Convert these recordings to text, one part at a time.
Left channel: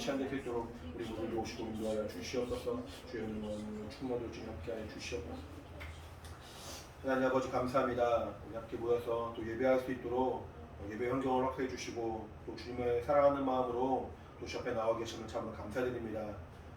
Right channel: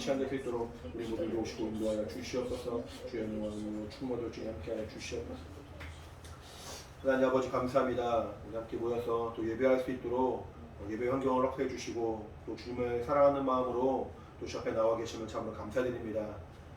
시간 될 수 있도록 우리 모두 오시고 인도하여 주시옵소서. 주여 영광으로 충만도 주님 함께하여 주시옵소서. 하나님 아버지 감사합니다. 우리 함께 모여서 또 예배할 수 있도록 예배 환경을 허락해 주시고 또 주님을 사랑하는 마음으로 또 주 앞에 나와 계시면 참으로 감사드립니다.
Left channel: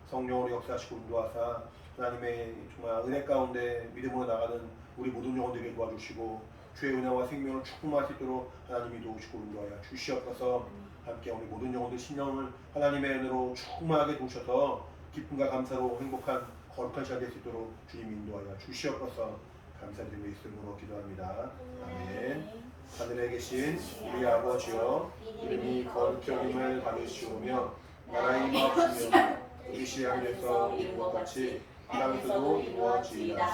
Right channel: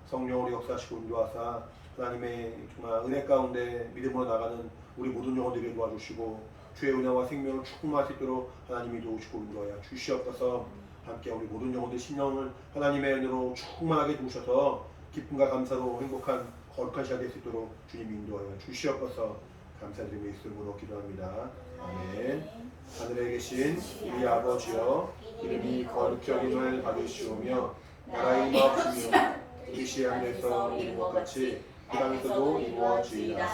성령으로 역사하시고 인도하사 하나님의 정말 은혜 가운데 믿음으로 나가는 우리 모든 영혼들에게 도와주시고 주의 은혜와 생명을 축복할 수 있도록 하나님이 도우시고 인도하여 주시옵소서. 함께 우리 모든 영혼들 신령을 하나님의 은혜로 충만하게 도우셔서 기쁨과 감사로 행복한 거룩한 시간 될 수 있도록 주님 인도하여 주시옵소서. 감사드리며 예수 이름으로 기도합니다. 아멘. 하늘에 계신 우리 아버지여, 이름이 거룩히 여김을 받으시오며 나라의 임하옵시며 뜻이 하늘에서 이룬 것 같이 이 땅에서도 이루어지이다.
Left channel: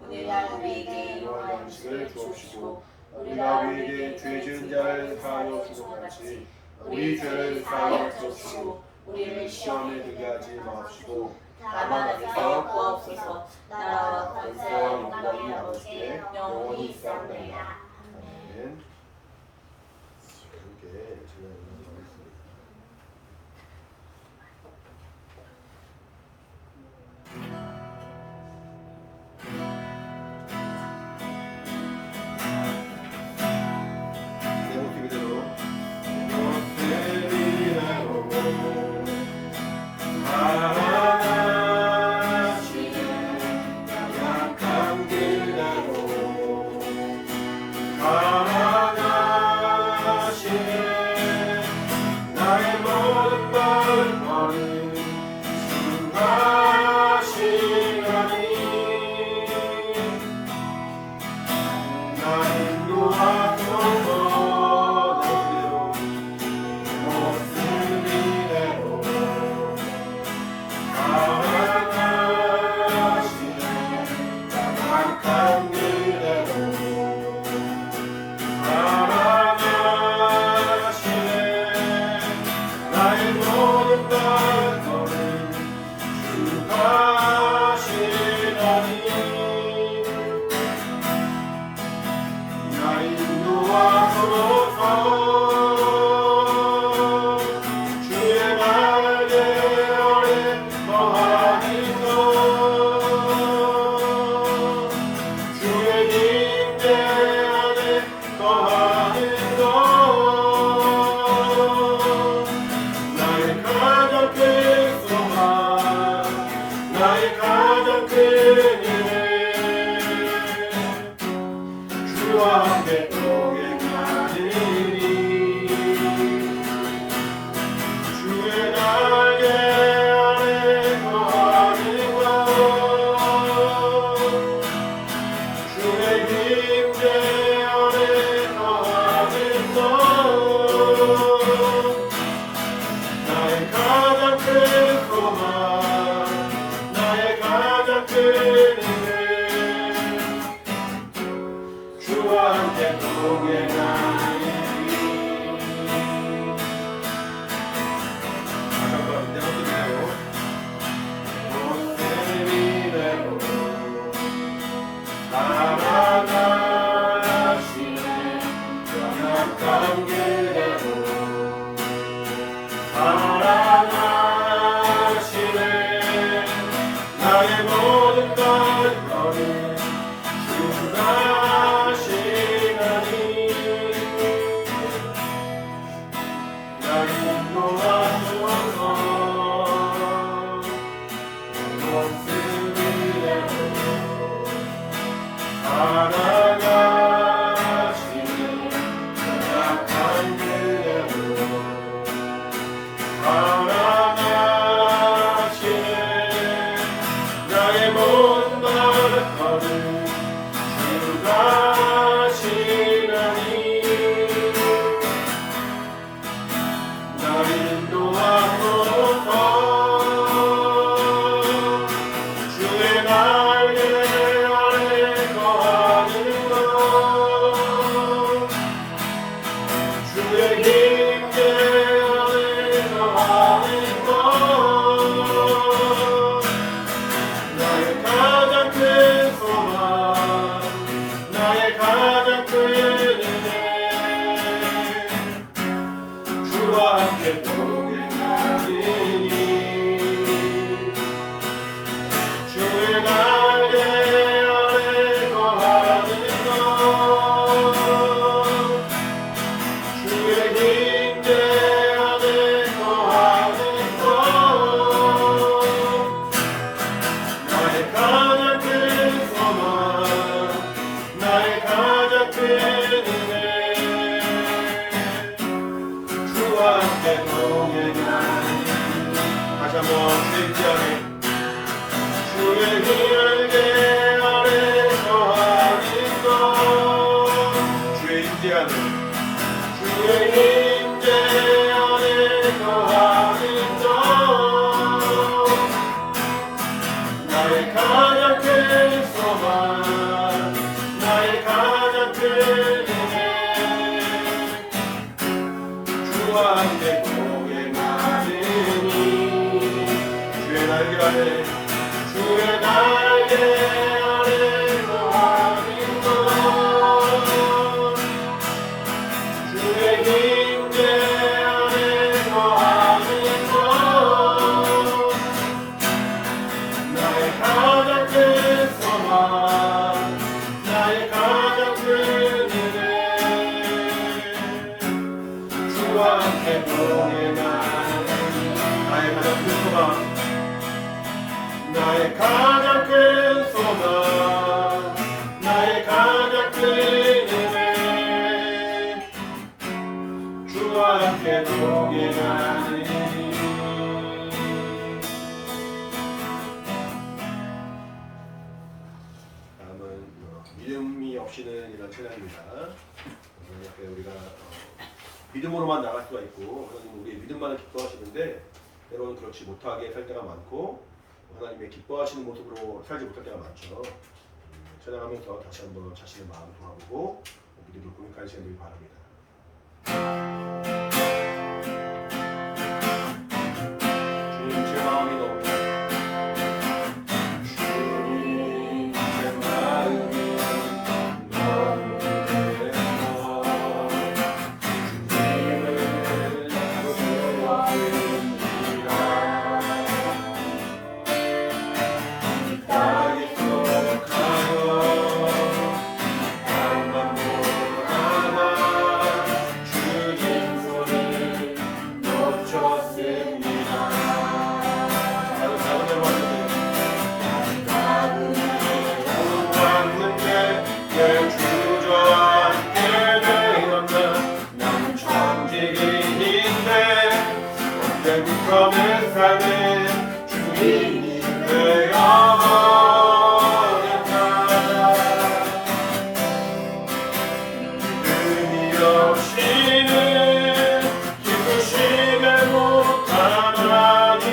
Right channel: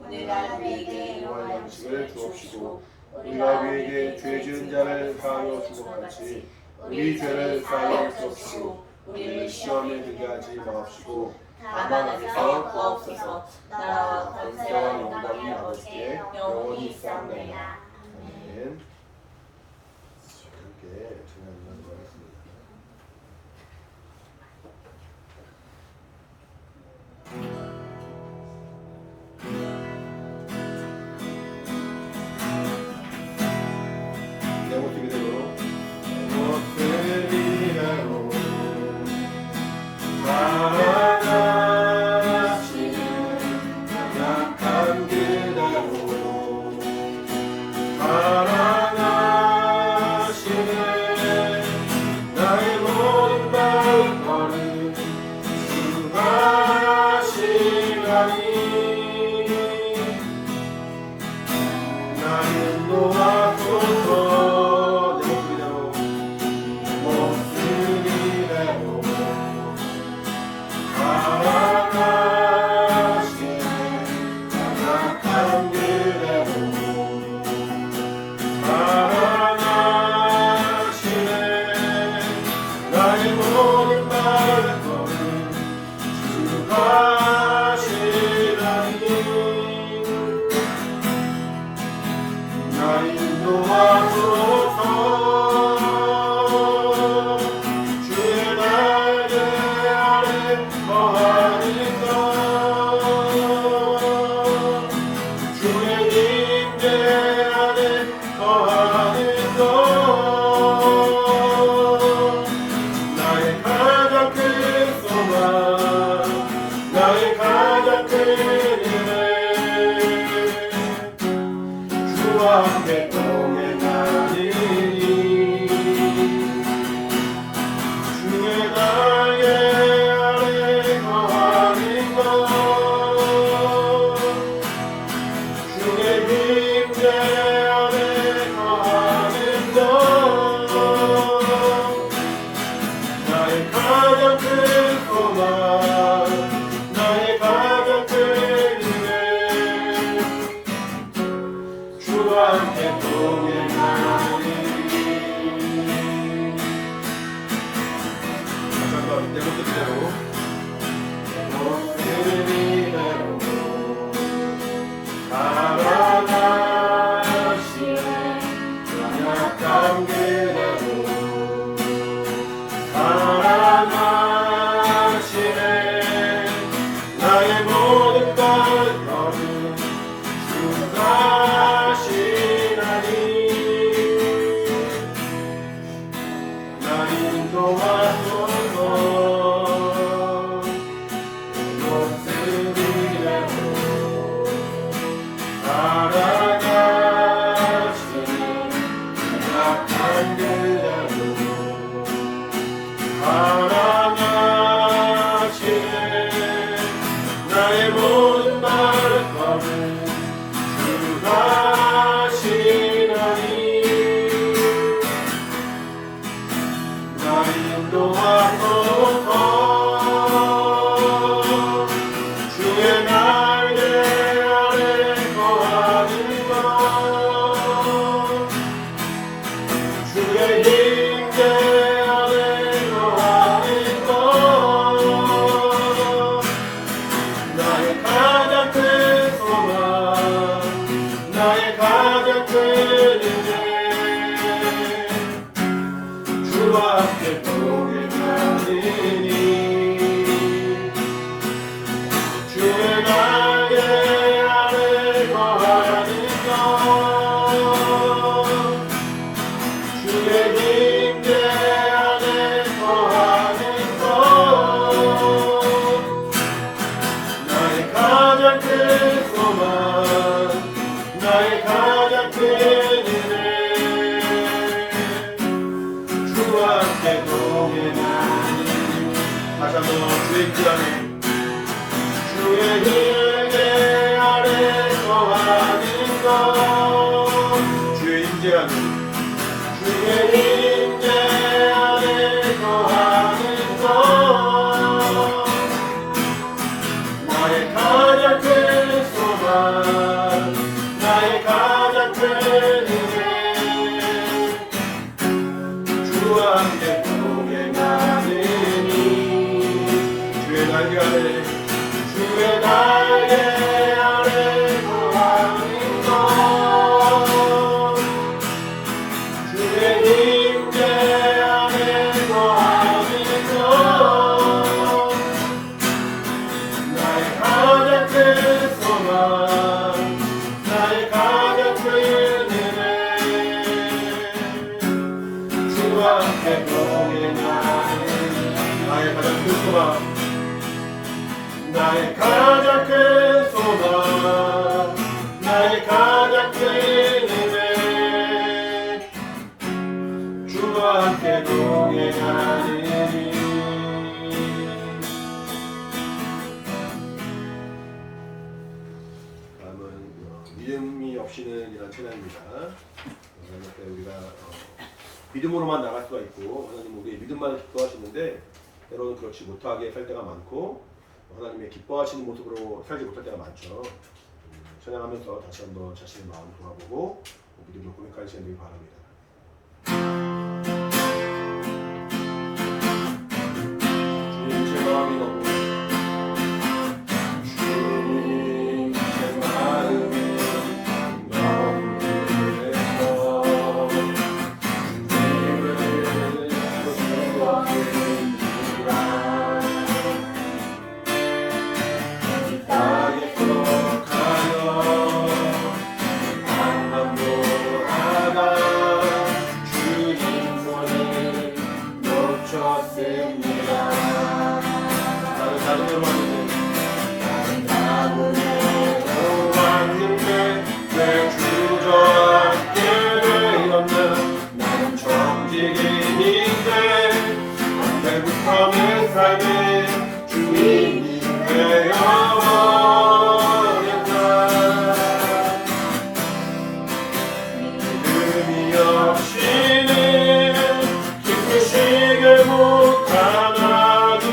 오늘날 우리에게 일용할 양식을 주옵시고 우리가 우리에게 죄 지은 자를 사하여 준 것 같이 우리 죄를 사하여 주옵시고 우리를 시험에 들게 하지 마옵시고 다만 악에서 구하옵소서. 나라와 권세와 영광이 아버지께 영원히 있사옵나이다. 아멘. 함께 찬양하도록 하겠습니다. 내 모습 그대로 주와 함께 동행하니 한번 주의 임재 안에 주의 임재 안에 거하는 것 주의 임재 안에 주의 임재 안에 거하는 것 나의 가장 큰 소망 나의 가장 큰 은혜 주와 함께 동행하느니 주의 날개 아래 주의 날개 아래 거하는 것 주의 임재 안에 거하는 것 나의 가장 큰 소망 나의 가장 큰 은혜 주와 함께 동행하는 나의 가장 큰 소망 나의 가장 큰 소망 나의 가장 큰 은혜 주와 함께 동행하니 다음은 믿음이 없이는 이란 찬양입니다. 이렇게 우리가 믿음으로만 나갈 수가 있고 하나님 우리의 믿음만을 기뻐하시는데 때로는 그렇지 못하게 살 때가 많고 하나님의 기뻐하시는 모습으로 살지 못할 때가 많죠. 찬양하면서 다시 한번 자신의 마음을 돌아보고 믿음을 고백하는 시간 되길 바랍니다. 주님 제 마음이 너무 주님 제 마음이 너무 그래서 주님을 영원히 이 땅에서 가요 땅만 보아라 주님 손을 놓쳤습니다. 나는 나그네로 왔는데 왜 주저앉게 되었나 나는 천직인인데 언제부터 내 삶의 주인이 되어버렸나 믿음이 없이는 기쁘시게 못하나니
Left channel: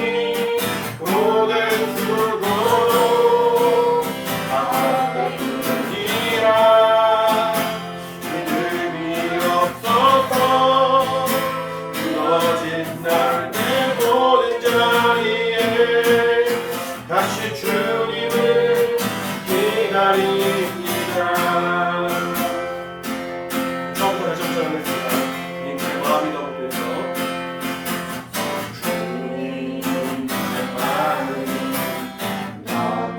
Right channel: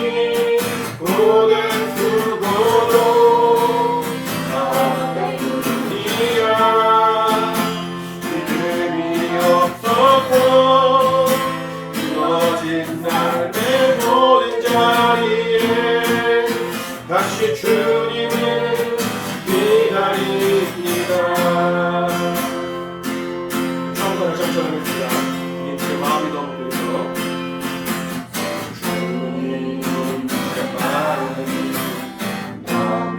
고된 수고도 다 때문이라 믿음이 없어서 무너진 나의 모든 자리에 다시 주님을 기다립니다. 처음부터 다시 한번 하겠습니다. 주님 제 마음이 너무 그래서 주님 제 마음이 너무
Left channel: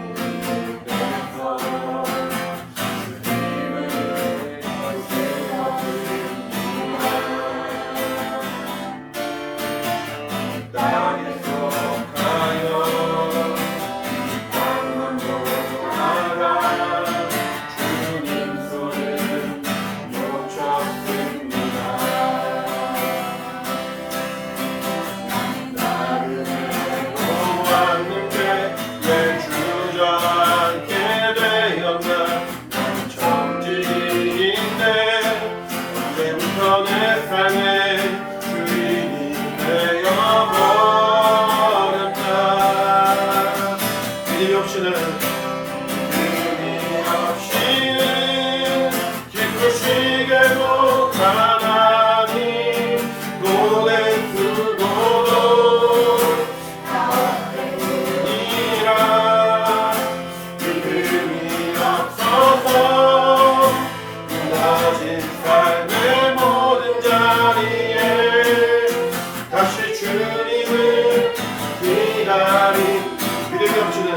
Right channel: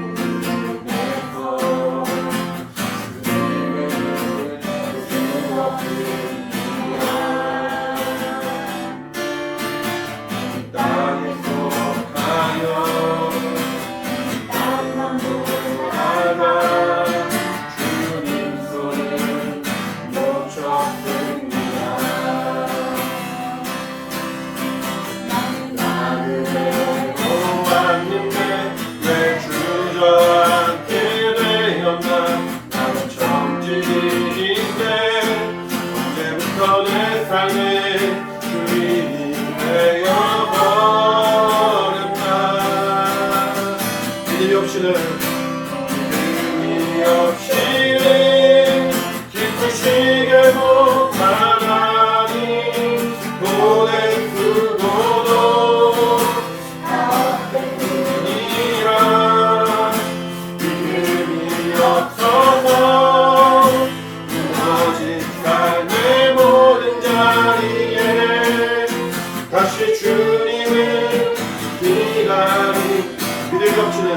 그래서 주님을 세워드립니다. 이 땅에서 가요 땅만 보아라 주님 손을 놓쳤습니다. 나그네로 왔는데 왜 주저앉게 되었나 나는 정직인인데 언제부터 내 삶의 주인이 되어버렸나 믿음이 없이는 기쁘시게 못하나니 고된 수고도 다 때문이라 믿음이 없어서 무너진 삶의 모든 자리에 다시 주님을 기다리 믿음이 없이는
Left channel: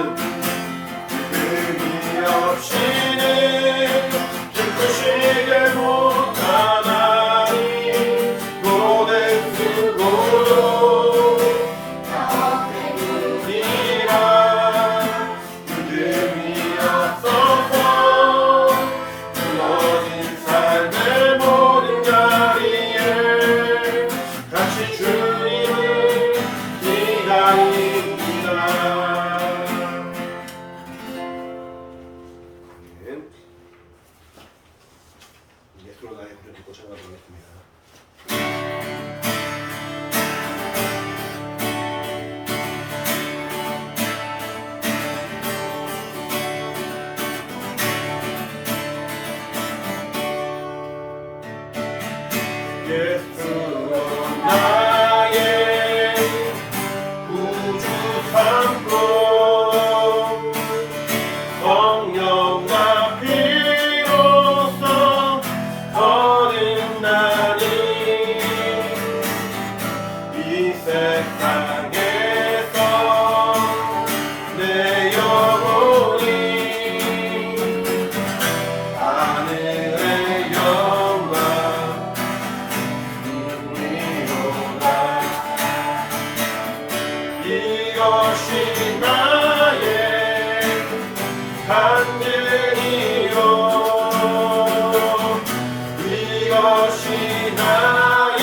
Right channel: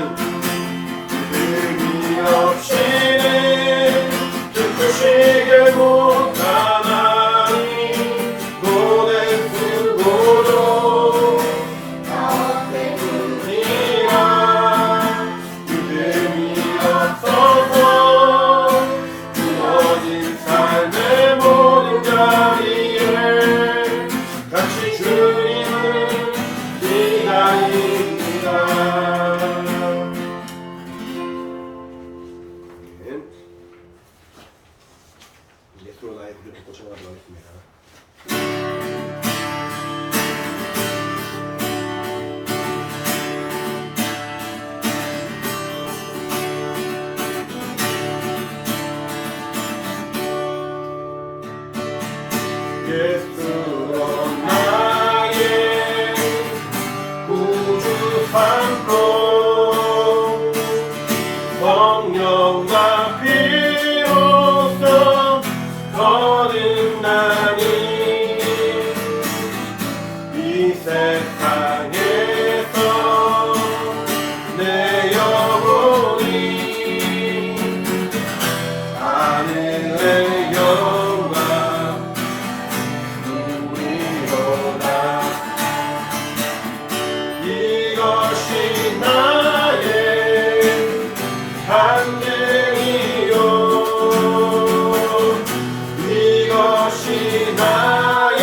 예수로 나의 구주 삼고 성령과 피로써 거듭나니 이 세상에서 내 영혼이 하늘의 영광 누리로다. 이것이 나의 간증이요 이것이 나의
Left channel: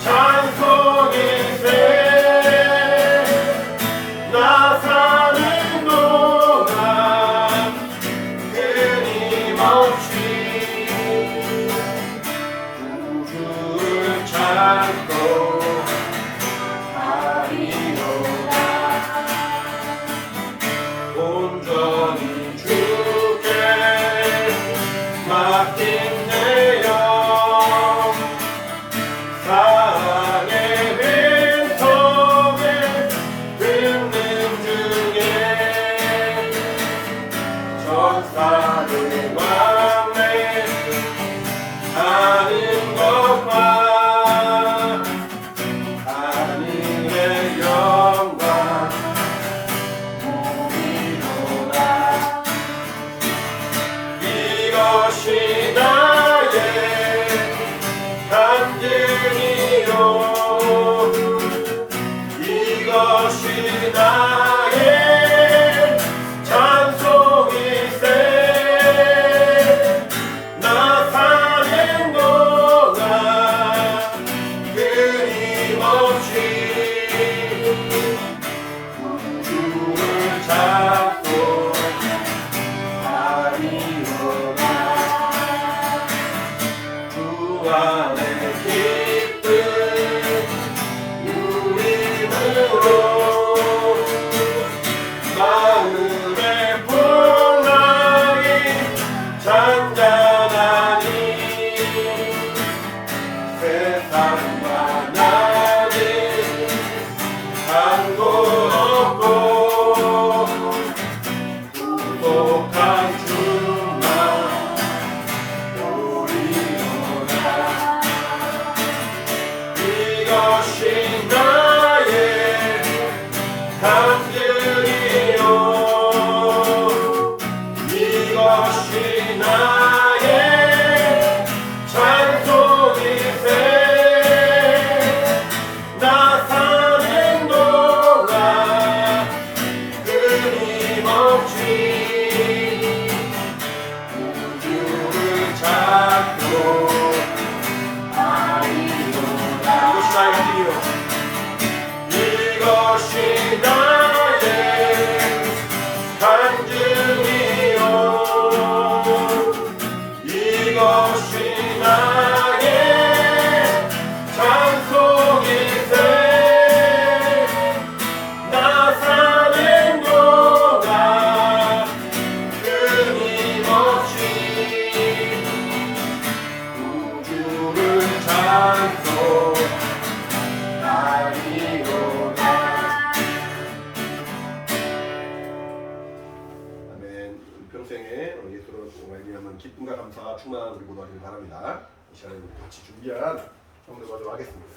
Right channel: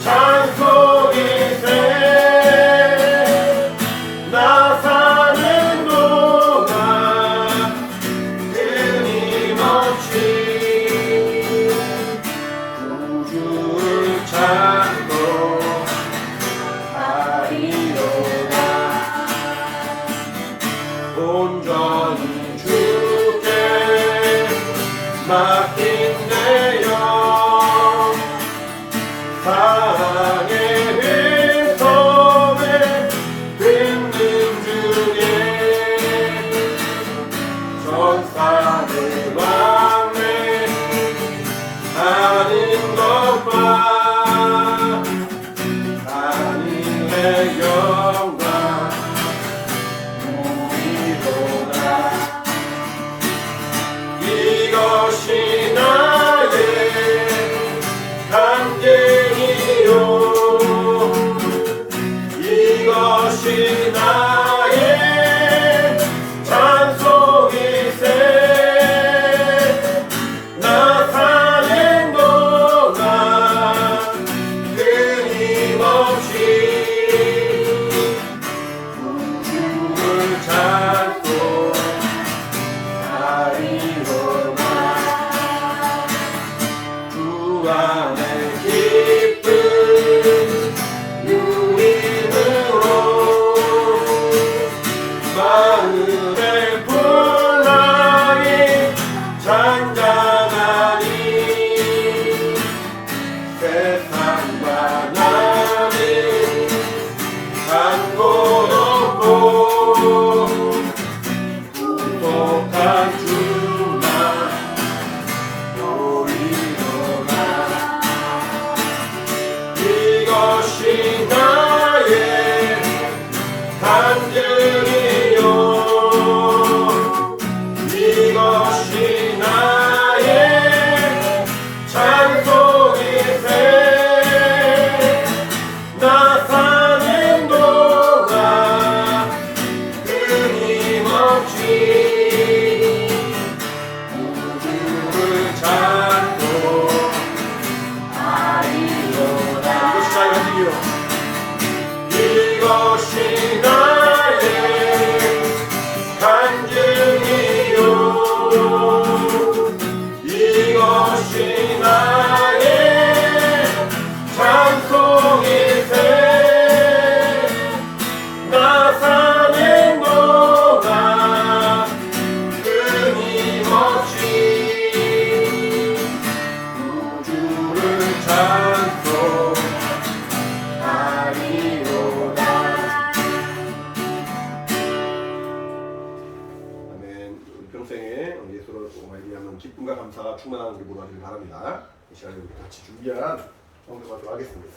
찬송일세. 나 사는 동안 끊임없이 구주를 찬송하리로다. 온전히 주께 맡긴 내 영 사랑의 빈성을 듣는 중에 전사의 왕래 하는 것과 하늘의 영광 우리로라. 이것이 나의 간증이요 이것이 나의 찬송일세. 나 사는 동안 끊임없이 구주를 찬송하리로다. 주 안에 기쁨 누림으로 마음의 풍랑이 잔잔하니 세상과 나는 한곳없고 구속한 주만 보이노라. 이것이 나의 간증이요 이것이 나의 찬송일세. 나 사는 동안 끊임없이 구주를 찬송하리로다. 이것이 나의 간증이요 이것이 나의 간증이요 이것이 나의 찬송일세. 나 사는 동안 끊임없이 구주를 찬송하리로다. 아멘. 우리 평생에 예수를 말미암은 기쁨과 감사가 충만한 우리 모두 되길 바랍니다. 이 시간에 우리 같이 준비한 성도하도록 하겠습니다.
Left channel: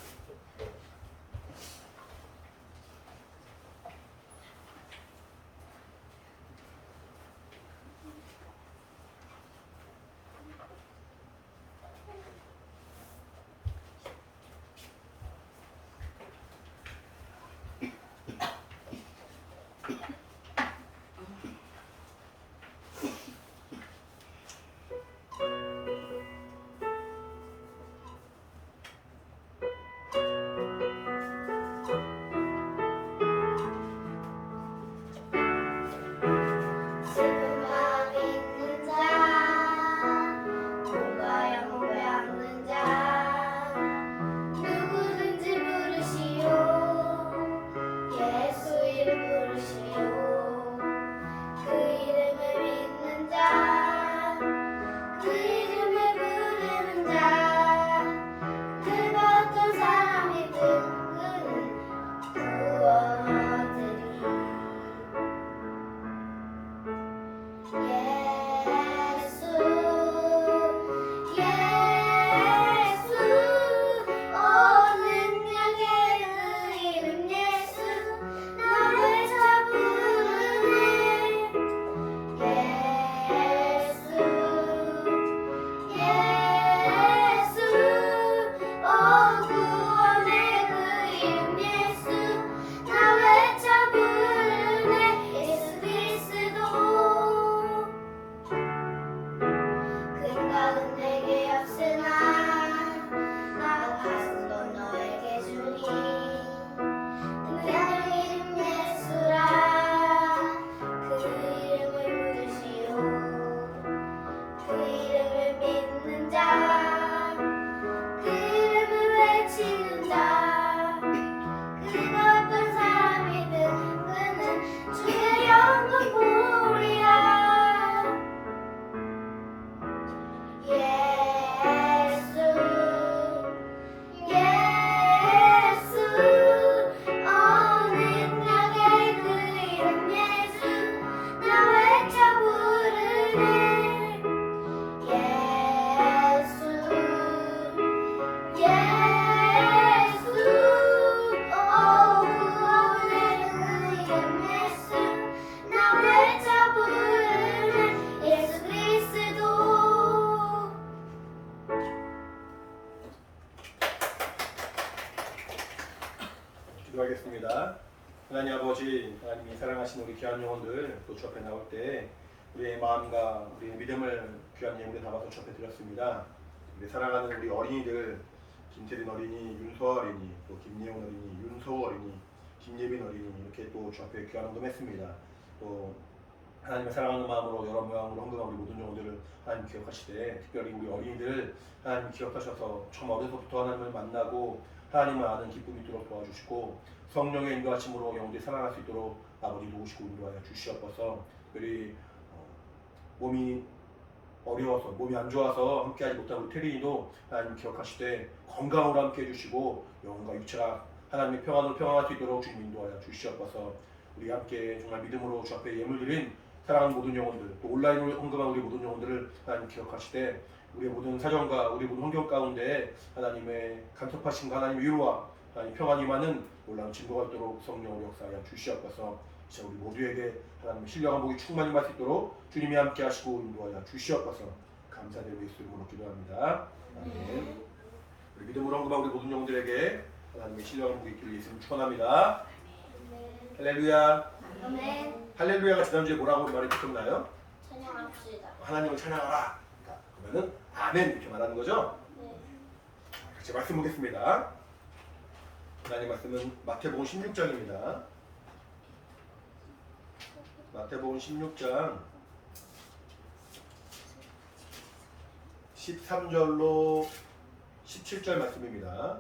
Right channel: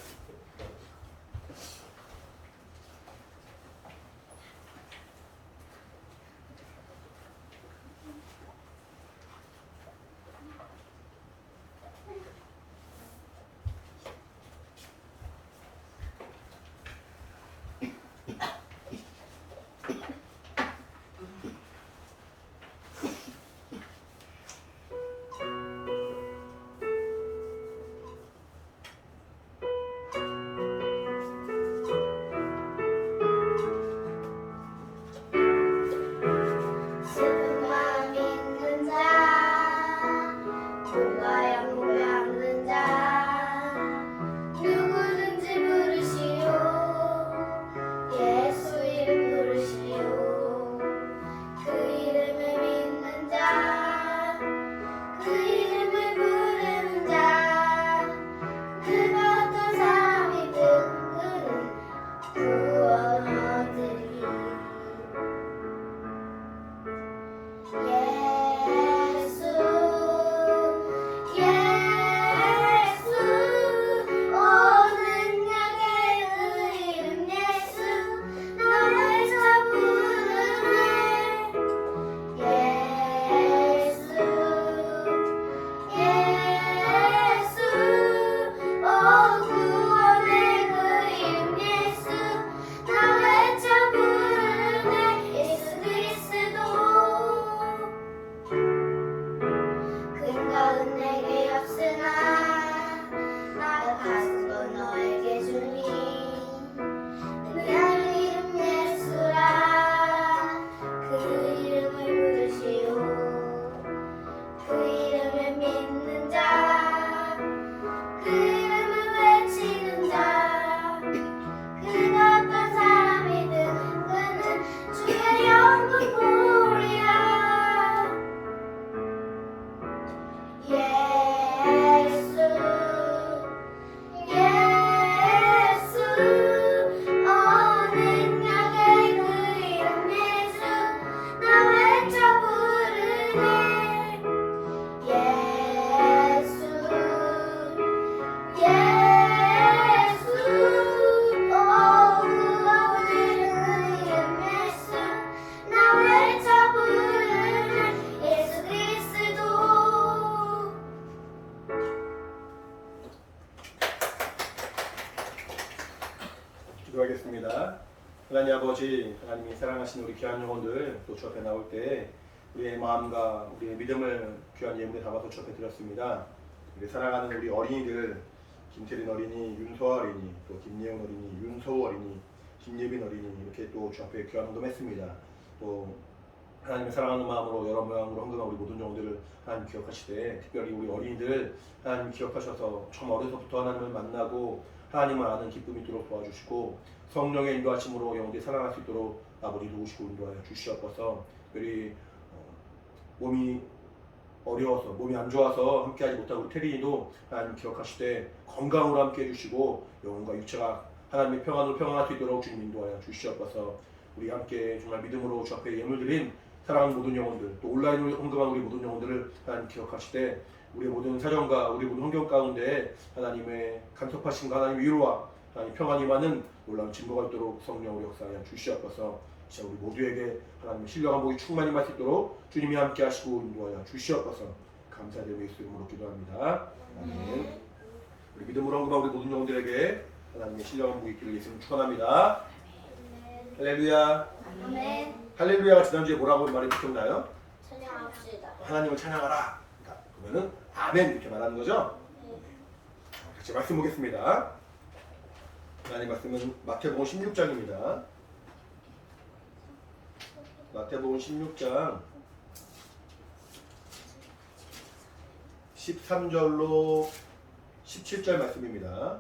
기도하겠습니다. 하나님 아버지, 하나님이 사랑하시는 우리 귀한 영혼들 또 주 앞에 나올 때 우리의 마음과 우리의 믿음을 귀한 예물에 담아서 주 앞에 드렸습니다. 우리 사랑하는 우리 어린이들, 김태린 어린이, 윤서아 어린이, 또 김예훈 어린이, 윤서우 어린이, 김예빈 어린이 이렇게 또 주 앞에 귀한 헌금했습니다. 또 하나님의 사랑하는 마음으로 여러 모양으로 헌금한 우리 모든 영혼들을 하나님 기억하시되, 특별히 우리 어린이들 하나님 기억하셔서 처음 어려서부터 하나님을 만나고 하나님을 아는 기쁨이 있도록 도와주시고, 성령의 인도하심으로 영혼들이 살아날 수 있도록 아버지 도우시고 인도하여 주시옵소서. 특별히 몸이 어려워서, 몸이 안 좋아서 함께하지 못하고 우리 태린이도 하나님 기억하시되 건강으로 함께해 주시고 영혼과 육체가 하나님의 평안으로 평안할 수 있도록 주님 인도하여 주시옵소서. 우리 함께 정말 믿음으로 주 앞에 예물 드린 사랑하는 모든 영혼들, 또 온라인으로 헌금한 우리 모든 영혼들을 하나님 기억하시되, 우리의 모든 사정과 우리 모든 환경 가운데 하나님의 간섭하심과 하나님의 위로와 하나님 평안이 임하는 놀라운 증거가 있도록 성령으로 역사하여 주시옵소서. 진짜 우리 모두에게 하나님의 신령한 복이 충만히 임할 수 있도록 주님이 함께 하시고 인도하여 주시옵소서. 감사드리고 예수 이름으로 기도합니다. 아멘. 우리 믿음으로 헌금한 우리 모든 영혼들에게 하나님의 신령한 복이 있기를 예수님 축원합니다. 할렐루야. 아멘. 할렐루야가 지난주에 뭐라고 말이 기억나요? 찬양합시다. 하나님을 찬양하라. 그러면은 아멘 이렇게 말하는 거죠? 네. 같이 말씀 보겠습니다. 하나님 말씀은 마태복음 16장입니다. 마태복음 16장 13절로 17절 말씀입니다.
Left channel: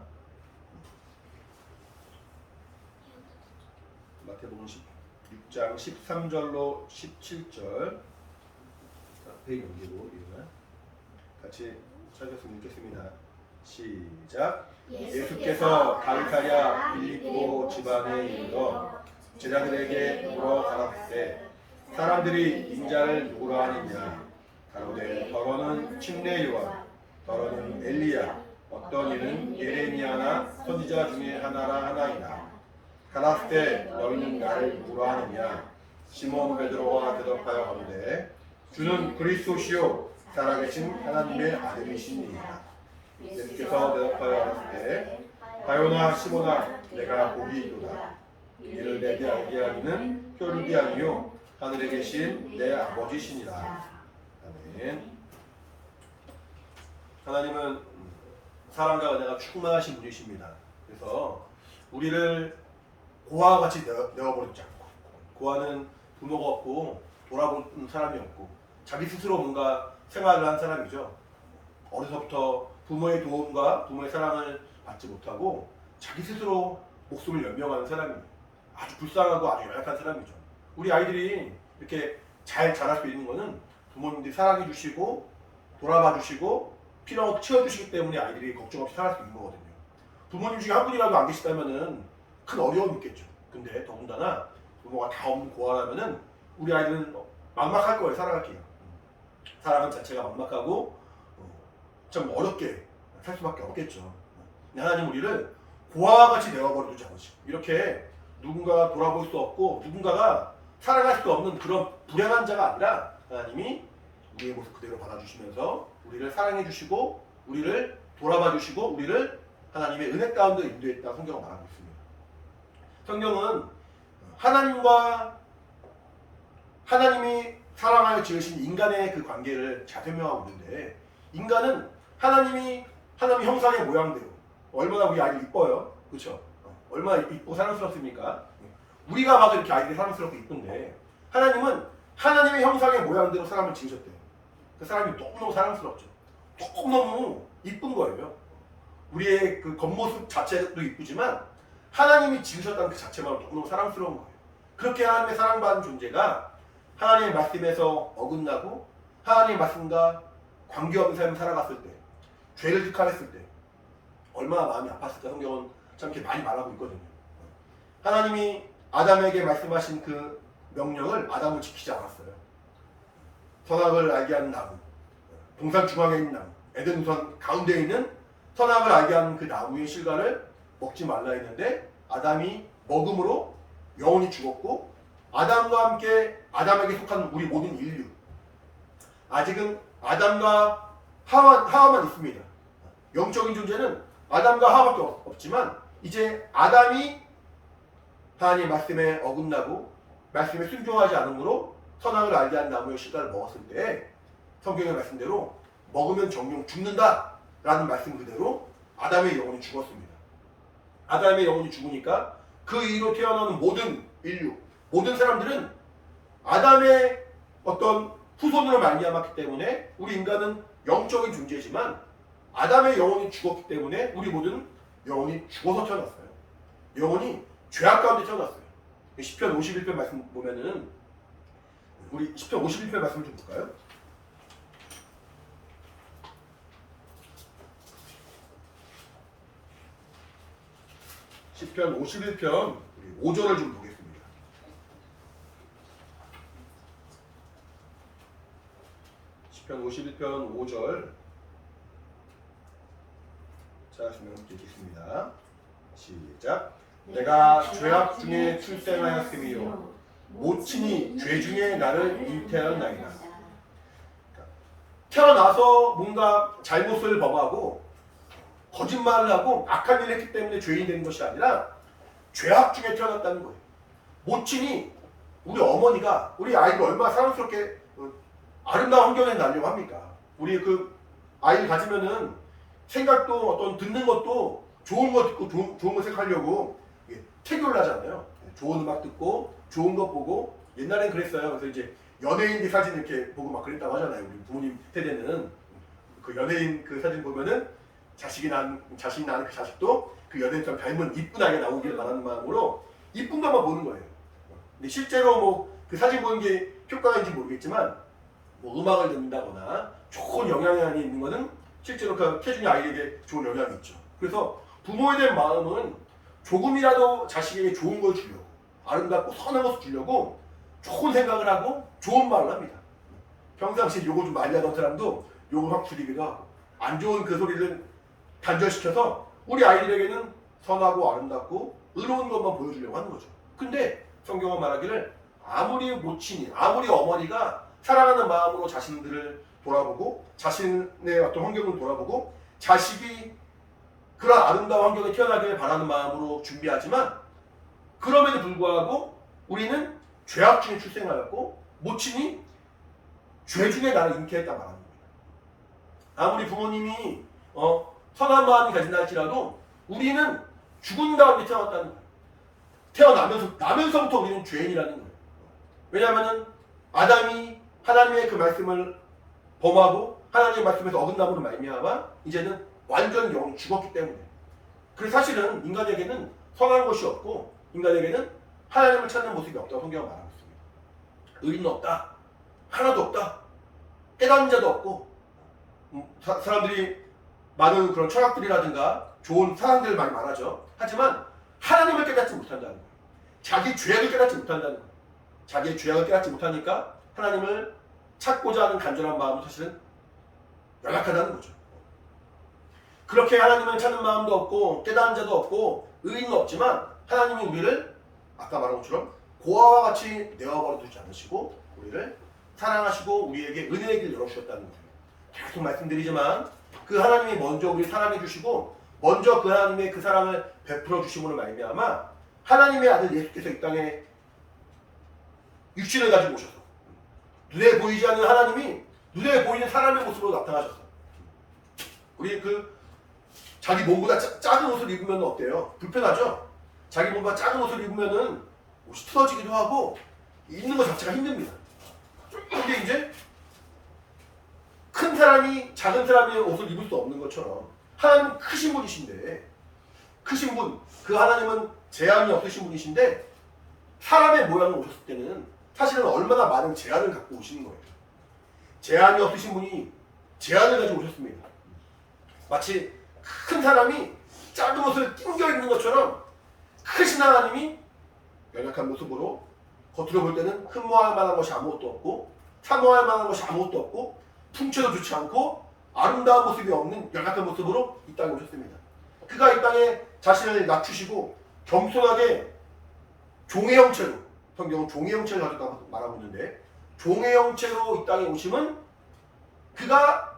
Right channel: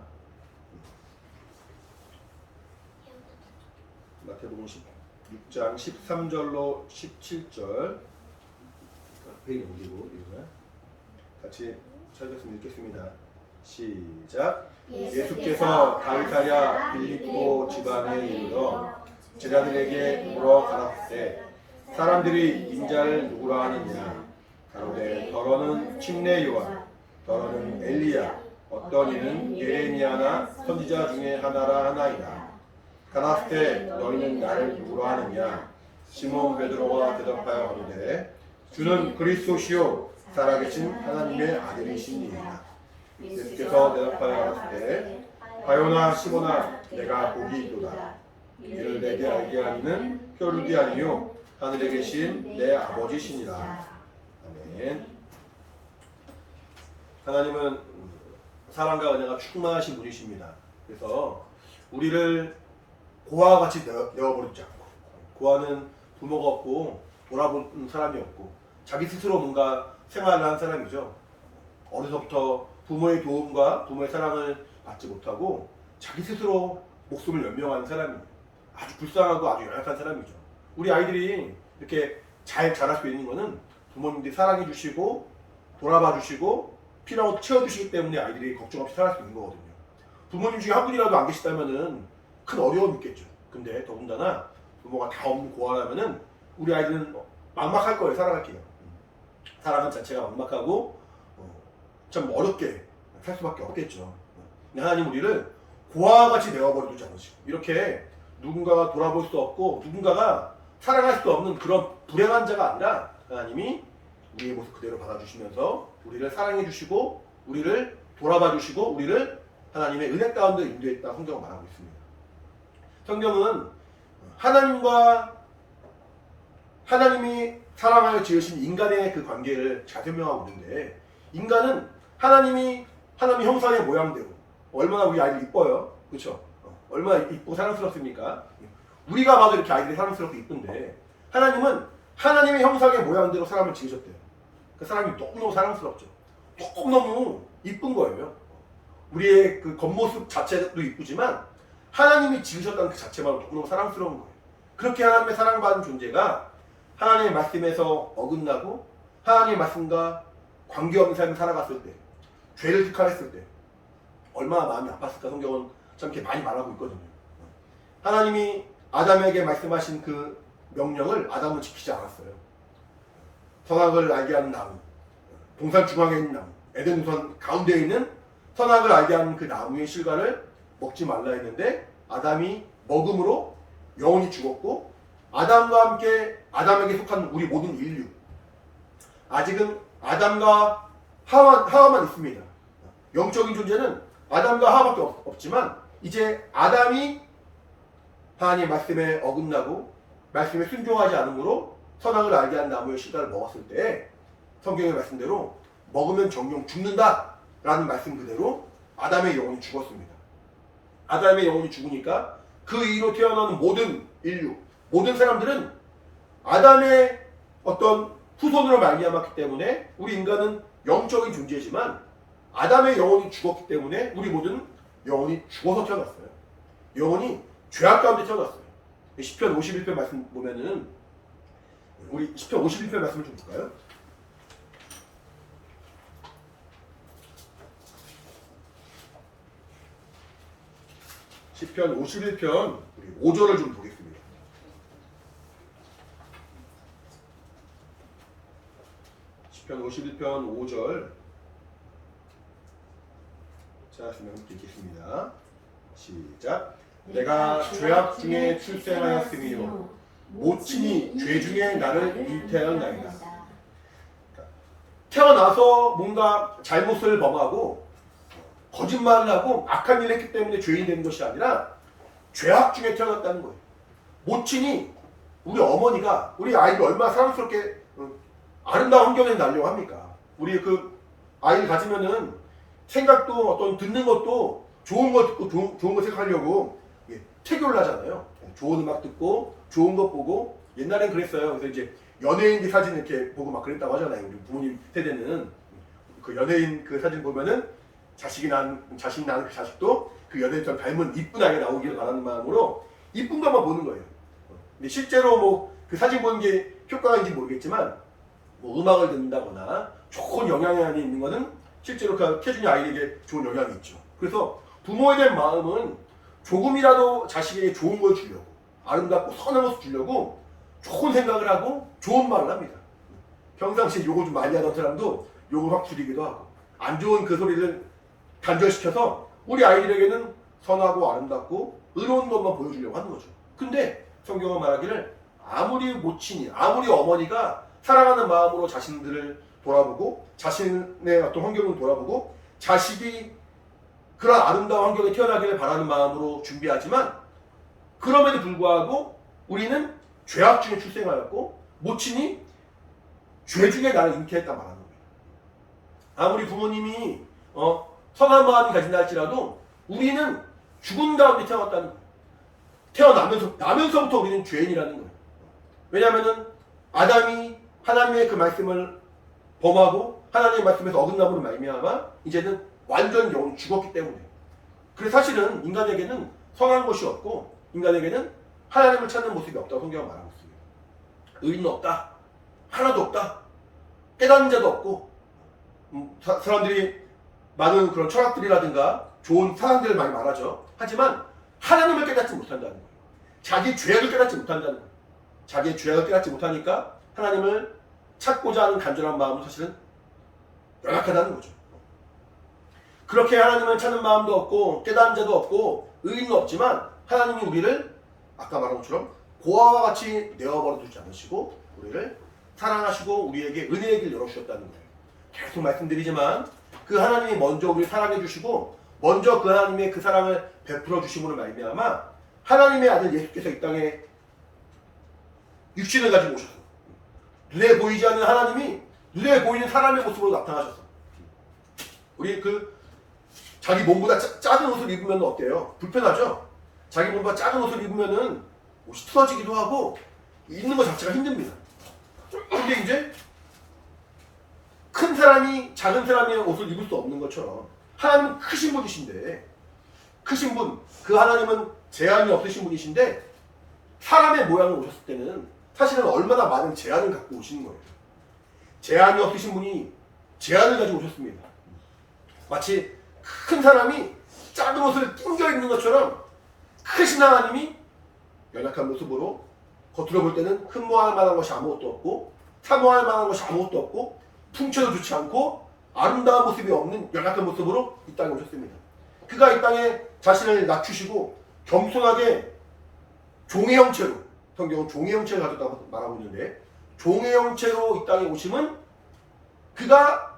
마태복음 16장 13절로 17절 앞에 넘기고 같이 찾았으면 읽겠습니다. 시작. 예수께서 가이사랴 빌립보 지방에 이르러 제자들에게 물어 가라사대, 사람들이 인자를 누구라 하느냐? 가로되 더러는 침례 요한, 더러는 엘리야, 어떤 이는 예레미야나 선지자 중에 하나라 하나이다. 가라사대 너희는 나를 누구라 하느냐? 시몬 베드로가 대답하여 가로되 주는 그리스도시요 살아계신 하나님의 아들이시니이다. 예수께서 대답하여 가라사대 바요나 시몬아, 내가 복이 있도다. 이를 내게 알게 하니는 혈육이 아니요 하늘에 계신 내 아버지시니라. 아멘. 하나님은 사랑과 은혜가 충만하신 분이십니다. 그래서 우리를 고아와 같이 내어버리지 않고, 고아는 부모가 없고 돌아보는 사람이 없고 자기 스스로 뭔가 생활을 한 사람이죠. 어려서부터 부모의 도움과 부모의 사랑을 받지 못하고 자기 스스로 목숨을 연명하는 사람이에요. 아주 불쌍하고 아주 연약한 사람이죠. 우리 아이들이 이렇게 잘 자랄 수 있는 거는 부모님들이 사랑해 주시고 돌아봐 주시고 필요한 것도 채워주시기 때문에 아이들이 걱정 없이 살아갈 수 있는 거거든요. 부모님 중에 한 분이라도 안 계시다면은 큰 어려움이 있겠죠. 근데 더군다나 부모가 다 없는 고아라면은 우리 아이들은 막막할 거예요. 살아갈게요. 사랑은 자체가 막막하고 참 어렵게 살 수밖에 없겠죠. 근데 하나님 우리를 고아와 같이 내어버리지 않으시고 이렇게 누군가가 돌아볼 수 없고 누군가가 사랑할 수 없는 그런 불행한 자가 아니라 하나님이 우리의 모습 그대로 받아주시면서 우리를 사랑해 주시고 우리를 돌아봐 주시고 우리를 하나님의 은혜 가운데 인도했다 성경은 말하고 있습니다. 성경은 하나님이 사랑하여 지으신 인간의 그 관계를 잘 설명하고 있는데, 인간은 하나님이 형상의 모양대로 얼마나 우리 아이들 이뻐요, 그렇죠? 얼마나 이쁘고 사랑스럽습니까? 우리가 봐도 이렇게 아이들이 사랑스럽고 이쁜데 하나님은 하나님의 형상의 모양대로 사람을 지으셨대요. 그 사람이 너무너무 사랑스럽죠. 너무너무 이쁜 거예요. 우리의 그 겉모습 자체도 이쁘지만 하나님이 지으셨다는 그 자체만으로 너무너무 사랑스러운 거예요. 그렇게 하나님의 사랑받은 존재가 하나님의 말씀에서 어긋나고 하나님의 말씀과 관계없는 삶을 살아갔을 때, 죄를 직할했을 때 얼마나 마음이 아팠을까 성경은 참 이렇게 많이 말하고 있거든요. 하나님이 아담에게 말씀하신 그 명령을 아담은 지키지 않았어요. 선악을 알게 하는 나무, 동산 중앙에 있는 나무, 에덴 우선 가운데 있는 선악을 알게 하는 그 나무의 실과를 먹지 말라 했는데 아담이 먹음으로 영혼이 죽었고, 아담과 함께 아담에게 속한 우리 모든 인류, 아직은 아담과 하와만 있습니다. 영적인 존재는 아담과 하와밖에 없지만 이제 아담이 하나님 말씀에 어긋나고 말씀에 순종하지 않으므로 선악을 알게 한 나무의 씨가를 먹었을 때 성경의 말씀대로 먹으면 정령 죽는다 라는 말씀 그대로 아담의 영혼이 죽었습니다. 아담의 영혼이 죽으니까 그 이후로 태어나는 모든 인류, 모든 사람들은 아담의 어떤 후손으로 말미암았기 때문에 우리 인간은 영적인 존재지만 아담의 영혼이 죽었기 때문에 우리 모두는 영혼이 죽어서 태어났어요. 영혼이 죄악 가운데 태어났어요. 시편 51편 말씀 보면은 우리 시편 51편 말씀 좀 볼까요? 시편 51편 우리 5절을 좀 보겠습니다. 시편 51편 5절 찾았으면 함께 읽겠습니다. 시작. 내가 죄악 중에 출생하였으며 모친이 죄 중에 나를 잉태하였나이다. 태어나서 뭔가 잘못을 범하고 거짓말을 하고 악한 일을 했기 때문에 죄인이 되는 것이 아니라 죄악 중에 태어났다는 거예요. 모친이 우리 어머니가 우리 아이를 얼마나 사랑스럽게 아름다운 환경에 낳으려고 합니까? 우리 그 아이를 가지면은 생각도 어떤 듣는 것도 좋은 거 듣고 좋은 거 생각하려고 태교를 하잖아요. 좋은 음악 듣고 좋은 것 보고 옛날엔 그랬어요. 그래서 이제 연예인들 사진 이렇게 보고 막 그랬다고 하잖아요. 우리 부모님 세대는 그 연예인 그 사진 보면은 자식이 낳은 그 자식도 그 연예인처럼 닮은 이쁜 아이가 나오기를 바라는 마음으로 이쁜 것만 보는 거예요. 근데 실제로 뭐 그 사진 보는 게 효과인지 모르겠지만 뭐 음악을 듣는다거나 좋은 영향이 있는 거는 실제로 그 태중의 아이에게 좋은 영향이 있죠. 그래서 부모에 대한 마음은 조금이라도 자식에게 좋은 걸 주려고 아름답고 선한 것을 주려고 좋은 생각을 하고 좋은 말을 합니다. 평상시에 욕을 좀 많이 하던 사람도 욕을 확 줄이기도 하고 안 좋은 그 소리를 단절시켜서 우리 아이들에게는 선하고 아름답고 의로운 것만 보여주려고 하는 거죠. 근데 성경은 말하기를 아무리 모친이 아무리 어머니가 사랑하는 마음으로 자신들을 돌아보고 자신의 어떤 환경을 돌아보고 자식이 그런 아름다운 환경에 태어나기를 바라는 마음으로 준비하지만 그럼에도 불구하고 우리는 죄악 중에 출생하였고 모친이 죄 중에 나를 잉태했다 말하는 거예요. 아무리 부모님이 선한 마음이 가진다 할지라도 우리는 죽은 가운데 태어났다는 거예요. 나면서부터 우리는 죄인이라는 거예요. 왜냐하면은 아담이 하나님의 그 말씀을 범하고 하나님의 말씀에서 어긋남으로 말미암아 이제는 완전히 영혼이 죽었기 때문에. 그래서 사실은 인간에게는 선한 것이 없고 인간에게는 하나님을 찾는 모습이 없다고 성경은 말하고 있습니다. 의인은 없다. 하나도 없다. 깨닫는 자도 없고 사람들이 많은 그런 철학들이라든가 좋은 사상들을 많이 말하죠. 하지만 하나님을 깨닫지 못한다는 거예요. 자기 죄악을 깨닫지 못한다는 거예요. 자기의 죄악을 깨닫지 못하니까 하나님을 찾고자 하는 간절한 마음도 사실은 연약하다는 거죠. 그렇게 하나님을 찾는 마음도 없고 깨닫는 자도 없고 의인은 없지만 하나님이 우리를 아까 말한 것처럼 고아와 같이 내어버려 두지 않으시고 우리를 사랑하시고 우리에게 은혜의 길을 열어주셨다는 거예요. 계속 말씀드리지만 그 하나님이 먼저 우리를 사랑해 주시고 먼저 그 하나님의 그 사랑을 베풀어 주심으로 말미암아 하나님의 아들 예수께서 이 땅에 육신을 가지고 오셔서 눈에 보이지 않는 하나님이 눈에 보이는 사람의 모습으로 나타나셨어. 우리 그 자기 몸보다 작은 옷을 입으면 어때요? 불편하죠? 자기 몸보다 작은 옷을 입으면은 옷이 틀어지기도 하고 입는 것 자체가 힘듭니다. 근데 이제 큰 사람이 작은 사람의 옷을 입을 수 없는 것처럼 하나님은 크신 분이신데 크신 분, 그 하나님은 제한이 없으신 분이신데 사람의 모양을 오셨을 때는 사실은 얼마나 많은 제한을 갖고 오시는 거예요. 제한이 없으신 분이 제한을 가지고 오셨습니다. 마치 큰 사람이 작은 옷을 낑겨 입는 것처럼 크신 하나님이 연약한 모습으로 겉으로 볼 때는 흠모할 만한 것이 아무것도 없고 사모할 만한 것이 아무것도 없고 풍채도 좋지 않고 아름다운 모습이 없는 연약한 모습으로 이 땅에 오셨습니다. 그가 이 땅에 자신을 낮추시고 겸손하게 종의 형체로, 성경은 종의 형체를 가졌다고 말하고 있는데 종의 형체로 이 땅에 오심은 그가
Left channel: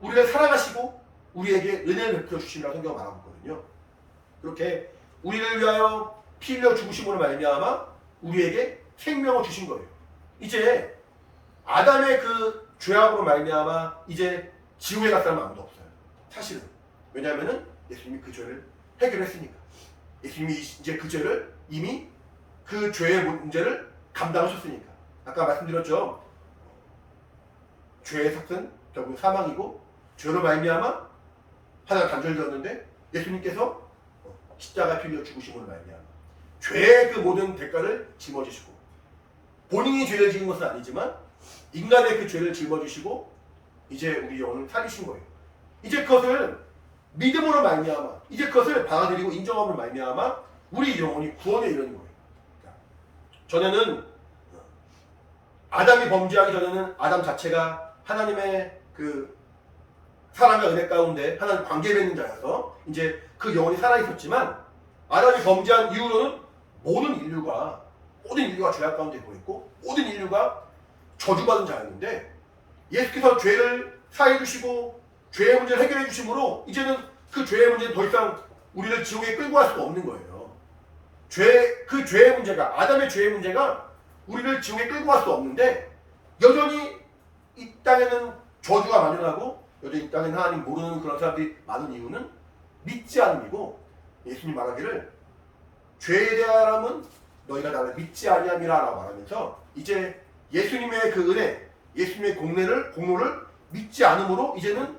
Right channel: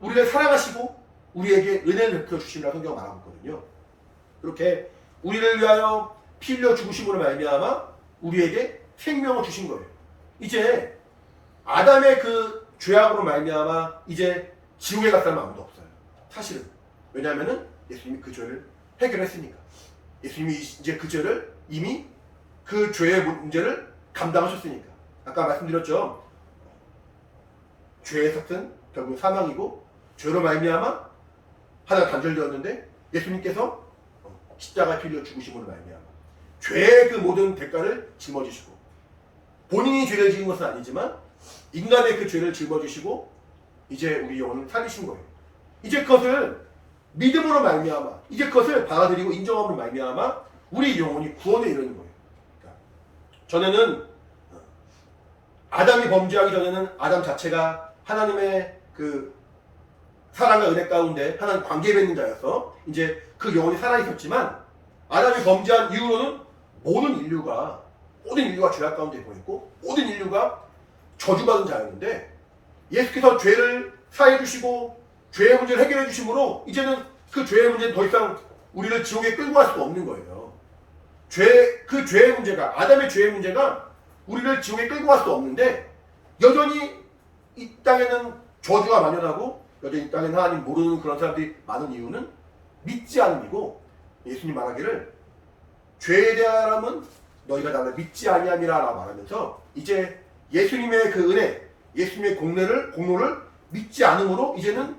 우리를 사랑하시고 우리에게 은혜를 베풀어 주심이라고 성경은 말하고 있거든요. 그렇게 우리를 위하여 피 흘려 죽으심으로 말미암아 우리에게 생명을 주신 거예요. 이제 아담의 그 죄악으로 말미암아 이제 지옥에 갈 사람은 아무도 없어요. 사실은. 왜냐하면은 예수님이 그 죄를 해결했으니까. 예수님이 이제 그 죄를 이미 그 죄의 문제를 감당하셨으니까. 아까 말씀드렸죠. 죄의 삭은 결국 사망이고 죄로 말미암아 하나 단절되었는데 예수님께서 십자가에 필려 죽으심으로 말미암아 죄의 그 모든 대가를 짊어지시고 본인이 죄를 지은 것은 아니지만 인간의 그 죄를 짊어지시고 이제 우리 영혼을 살리신 거예요. 이제 그것을 믿음으로 말미암아 이제 그것을 받아들이고 인정함으로 말미암아 우리 영혼이 구원에 이르는 거예요. 그러니까 전에는 아담이 범죄하기 전에는 아담 자체가 하나님의 그 사랑과 은혜 가운데 하나님 관계 맺는 자여서 이제 그 영혼이 살아있었지만 아담이 범죄한 이후로는 모든 인류가 죄악 가운데 보냈고 모든 인류가 저주받은 자였는데 예수께서 죄를 사해 주시고 죄의 문제를 해결해 주심으로 이제는 그 죄의 문제는 더 이상 우리를 지옥에 끌고 갈 수가 없는 거예요. 그 죄의 문제가 아담의 죄의 문제가 우리를 지옥에 끌고 갈 수 없는데 여전히 이 땅에는 저주가 만연하고 여전히 이 땅에는 하나님 모르는 그런 사람들이 많은 이유는 믿지 않음이고 예수님 말하기를 죄에 대하여는 너희가 나를 믿지 아니함이라 라고 말하면서 이제 예수님의 그 은혜 예수님의 공로를 믿지 않음으로 이제는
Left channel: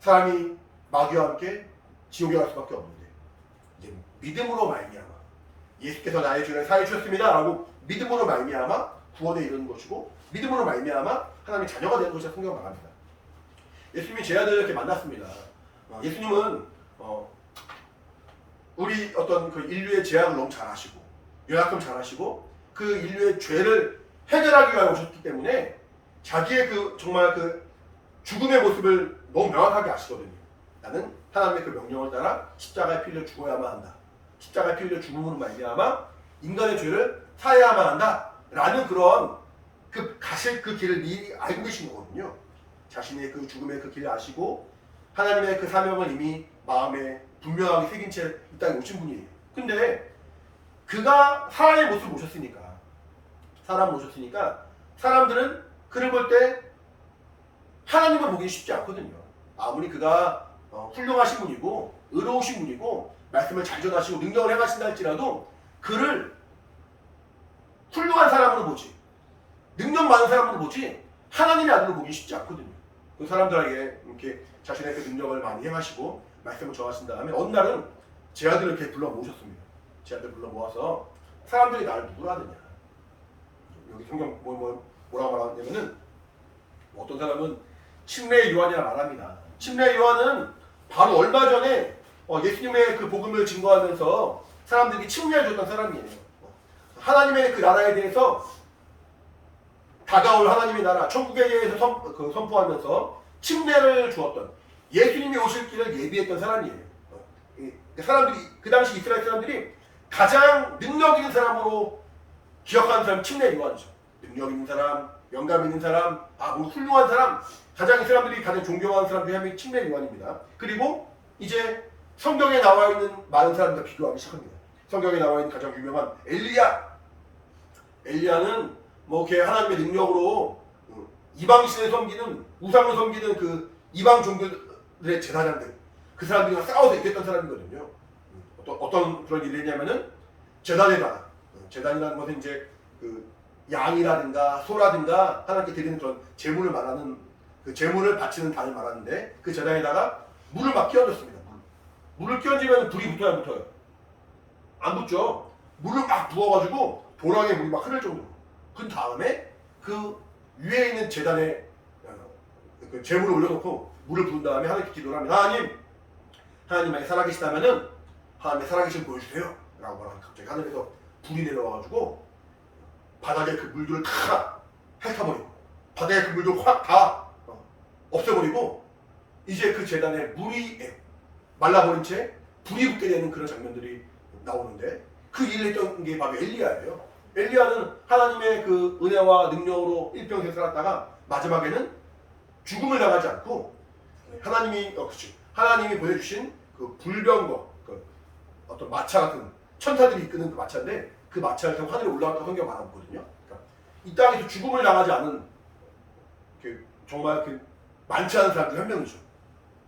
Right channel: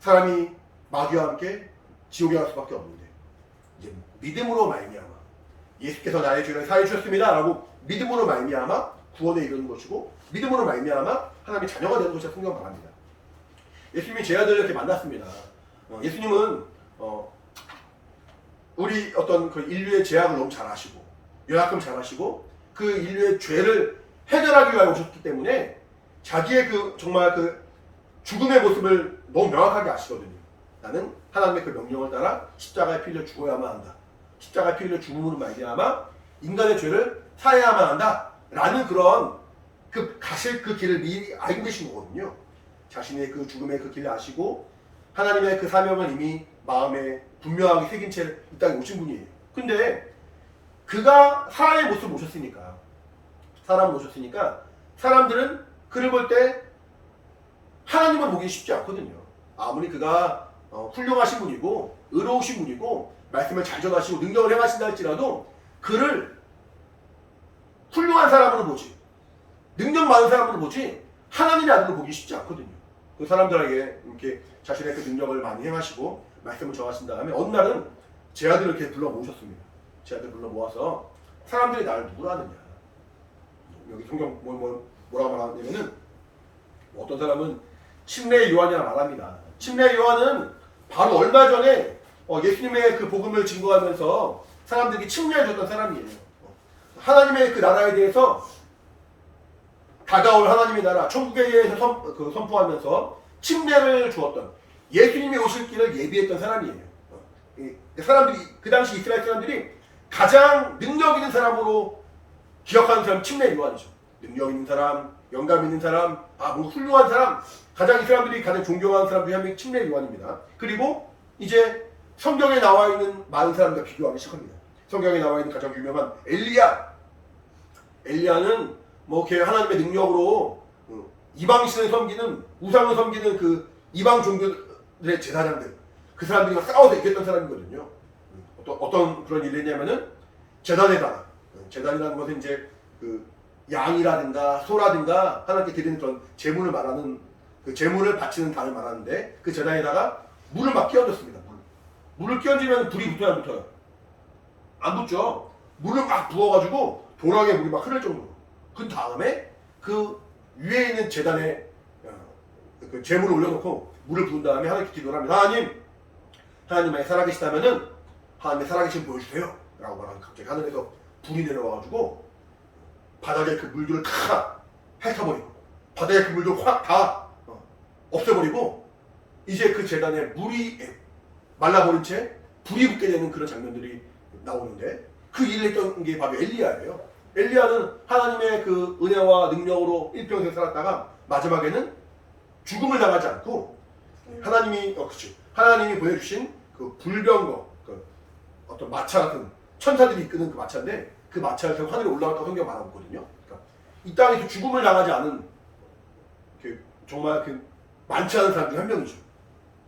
사람이 마귀와 함께 지옥에 갈 수밖에 없는데 이제 믿음으로 말미암아 예수께서 나의 죄를 사해 주셨습니다 라고 믿음으로 말미암아 구원에 이르는 것이고 믿음으로 말미암아 하나님의 자녀가 되는 것이라 성경 말합니다. 예수님이 제 아들을 이렇게 만났습니다. 예수님은 우리 어떤 그 인류의 죄악을 너무 잘 아시고 연약함 잘 아시고 그 인류의 죄를 해결하기 위해 오셨기 때문에 자기의 그 정말 그 죽음의 모습을 너무 명확하게 아시거든요. 나는 하나님의 그 명령을 따라 십자가에 피 흘려 죽어야만 한다. 십자가에 피 흘려 죽음으로 말미암아 인간의 죄를 사해야만 한다. 라는 그런 가실 그 길을 미리 알고 계신 거거든요. 자신의 그 죽음의 그 길을 아시고 하나님의 그 사명을 이미 마음에 분명하게 새긴 채 이 땅에 오신 분이에요. 근데 그가 사람의 모습을 보셨으니까 사람을 보셨으니까 사람들은 그를 볼 때 하나님을 보기 쉽지 않거든요. 아무리 그가 훌륭하신 분이고 의로우신 분이고 말씀을 잘 전하시고 능력을 행하신다 할지라도 그를 훌륭한 사람으로 보지 능력 많은 사람으로 보지 하나님의 아들로 보기 쉽지 않거든요. 그 사람들에게 이렇게 자신의 그 능력을 많이 행하시고 말씀을 전하신 다음에 어느 날은 제 아들을 이렇게 불러 모으셨습니다. 제 아들 불러 모아서 사람들이 나를 누구로 하느냐 여기 성경 뭐라고 말하냐면은 어떤 사람은 침례의 요한이라 말합니다. 침례의 요한은 바로 얼마 전에 예수님의 그 복음을 증거하면서 사람들에게 침례해 줬던 사람이에요. 하나님의 그 나라에 대해서 다가올 하나님의 나라 천국에 대해서 선포하면서 침례를 주었던 예수님이 오실 길을 예비했던 사람이에요. 사람들이 그 당시 이스라엘 사람들이 가장 능력 있는 사람으로 기억하는 사람 침례 요한이죠. 능력 있는 사람, 영감 있는 사람, 뭔가 훌륭한 사람, 가장 이 사람들이 가장 존경하는 사람 중에 한 명이 침례 요한입니다. 그리고 이제 성경에 나와 있는 많은 사람들과 비교하기 시작합니다. 성경에 나와 있는 가장 유명한 엘리야는 뭐 이렇게 하나님의 능력으로 이방 신을 섬기는 우상을 섬기는 그 이방 종교들의 제사장들 그 사람들과 싸워서 이겼던 사람이거든요. 어떤 그런 일을 했냐면은 제단에다가 제단이라는 것은 이제 그 양이라든가 소라든가 하나님께 드리는 그런 제물을 말하는 그 제물을 바치는 단을 말하는데 그 제단에다가 물을 막 끼얹었습니다. 물을 끼얹으면 불이 붙어야 안 붙어요? 안 붙죠. 물을 막 부어가지고 도랑에 물이 막 흐를 정도로. 그 다음에 그 위에 있는 제단에 그 제물을 올려놓고 물을 부은 다음에 하나님께 기도를 합니다. 하나님 만약 살아계시다면은 하나님의 살아계신 보여주세요. 라고 말하면 갑자기 하늘에서 불이 내려와가지고 바닥에 그 물들을 다 핥아버리고 바닥에 그 물들 확 다 없애버리고 이제 그 제단에 물이 말라버린 채 불이 붙게 되는 그런 장면들이 나오는데 그 일을 했던 게 바로 엘리야예요. 엘리야는 하나님의 그 은혜와 능력으로 일평생 살았다가 마지막에는 죽음을 당하지 않고 하나님이 보내주신 그 불병거 어떤 마차 같은 천사들이 이끄는 그 마차인데 그 마차를 타고 하늘에 올라갔다고 성경 말하고 있거든요. 그러니까 이 땅에서 죽음을 당하지 않은 정말 많지 않은 사람들이 한 명이죠.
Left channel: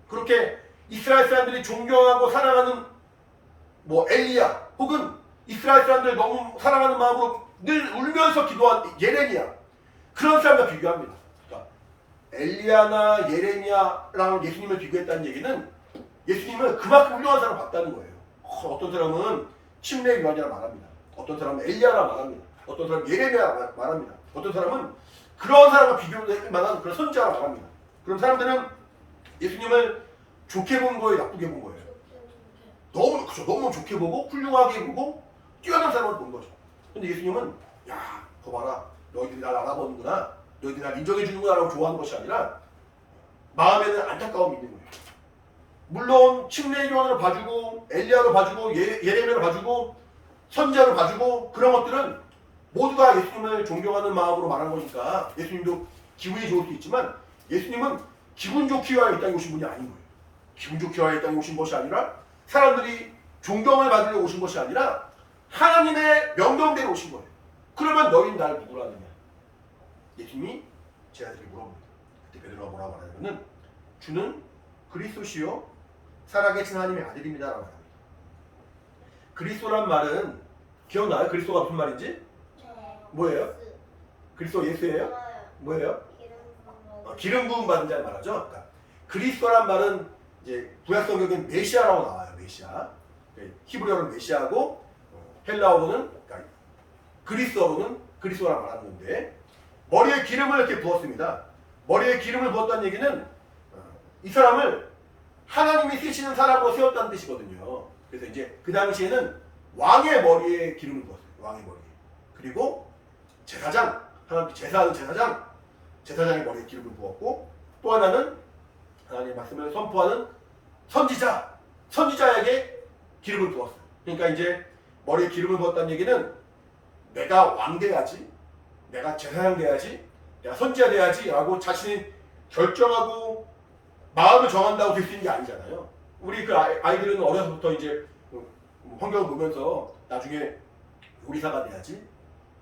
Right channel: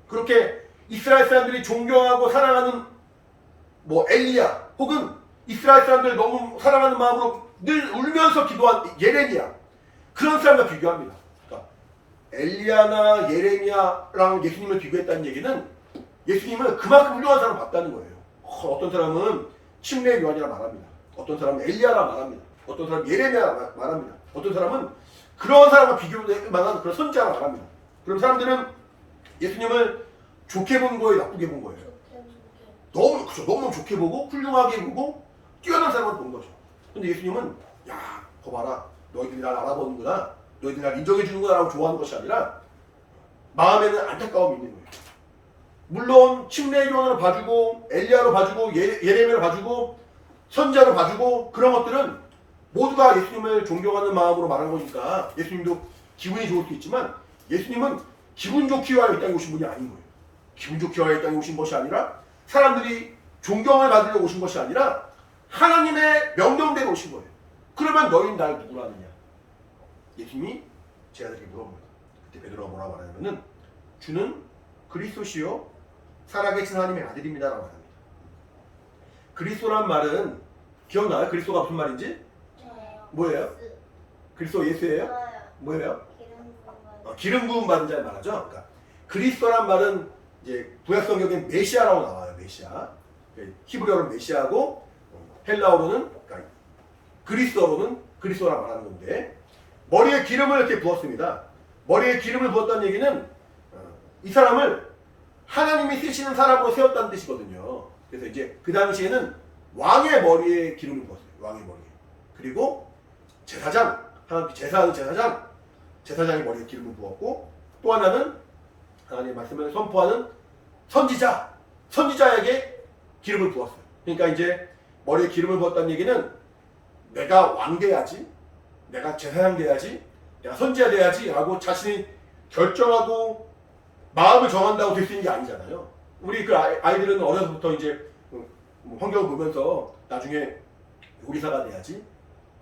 그렇게 이스라엘 사람들이 존경하고 사랑하는 뭐 엘리야 혹은 이스라엘 사람들 너무 사랑하는 마음으로 늘 울면서 기도한 예레미야 그런 사람과 비교합니다. 그러니까 엘리야나 예레미야랑 예수님을 비교했다는 얘기는 예수님은 그만큼 훌륭한 사람을 봤다는 거예요. 어떤 사람은 침례 요한이라 말합니다. 어떤 사람은 엘리야라 말합니다. 어떤 사람은 예레미야 말합니다. 어떤 사람은 그런 사람과 비교될 만한 그런 선지자라 말합니다. 그럼 사람들은 예수님을 좋게 본 거예요, 나쁘게 본 거예요? 너무 좋게 보고 훌륭하게 보고 뛰어난 사람을 본 거죠. 근데 예수님은 야, 거 봐라. 너희들이 날 알아보는구나. 너희들이 날 인정해 주는구나 라고 좋아하는 것이 아니라 마음에는 안타까움이 있는 거예요. 물론 침례 요한으로 봐주고 엘리야로 봐주고 예레미야로 봐주고 선지자로 봐주고 그런 것들은 모두가 예수님을 존경하는 마음으로 말한 거니까 예수님도 기분이 좋을 수 있지만 예수님은 기분 좋기 위하여 이 땅에 오신 분이 아닌 거예요. 기분 좋기 위하여 이 땅에 오신 것이 아니라 사람들이 존경을 받으려고 오신 것이 아니라 하나님의 명령대로 오신 거예요. 그러면 너희는 날 누구라느냐? 예수님이 제자들에게 물어봅니다. 그때 베드로가 뭐라고 말하냐면은 주는 그리스도시요 살아계신 하나님의 아들입니다 라고 말합니다. 그리스도란 말은 기억나요? 그리스도가 무슨 말인지? 뭐예요? 그리스도 예수예요? 뭐예요? 기름 부음 받은 자를 말하죠. 그러니까 그리스도란 말은 이제 구약 성경엔 메시아라고 나와요. 메시아. 히브리어로는 메시아고 헬라어로는 그러니까 그리스도로는 그리스도라 말하는 건데 머리에 기름을 이렇게 부었습니다. 머리에 기름을 부었다는 얘기는 이 사람을 하나님이 쓰시는 사람으로 세웠다는 뜻이거든요. 그래서 이제 그 당시에는 왕의 머리에 기름을 부었어요. 왕의 머리에. 그리고 제사장, 하나님 제사하는 제사장의 머리에 기름을 부었고 또 하나는 하나님의 말씀을 선포하는 선지자에게 기름을 부었어요. 그러니까 이제 머리에 기름을 부었다는 얘기는 내가 왕 돼야지, 내가 제사장 돼야지, 내가 선지자 돼야지 라고 자신이 결정하고 마음을 정한다고 될 수 있는 게 아니잖아요. 우리 그 아이들은 어려서부터 이제 환경을 보면서 나중에 요리사가 돼야지,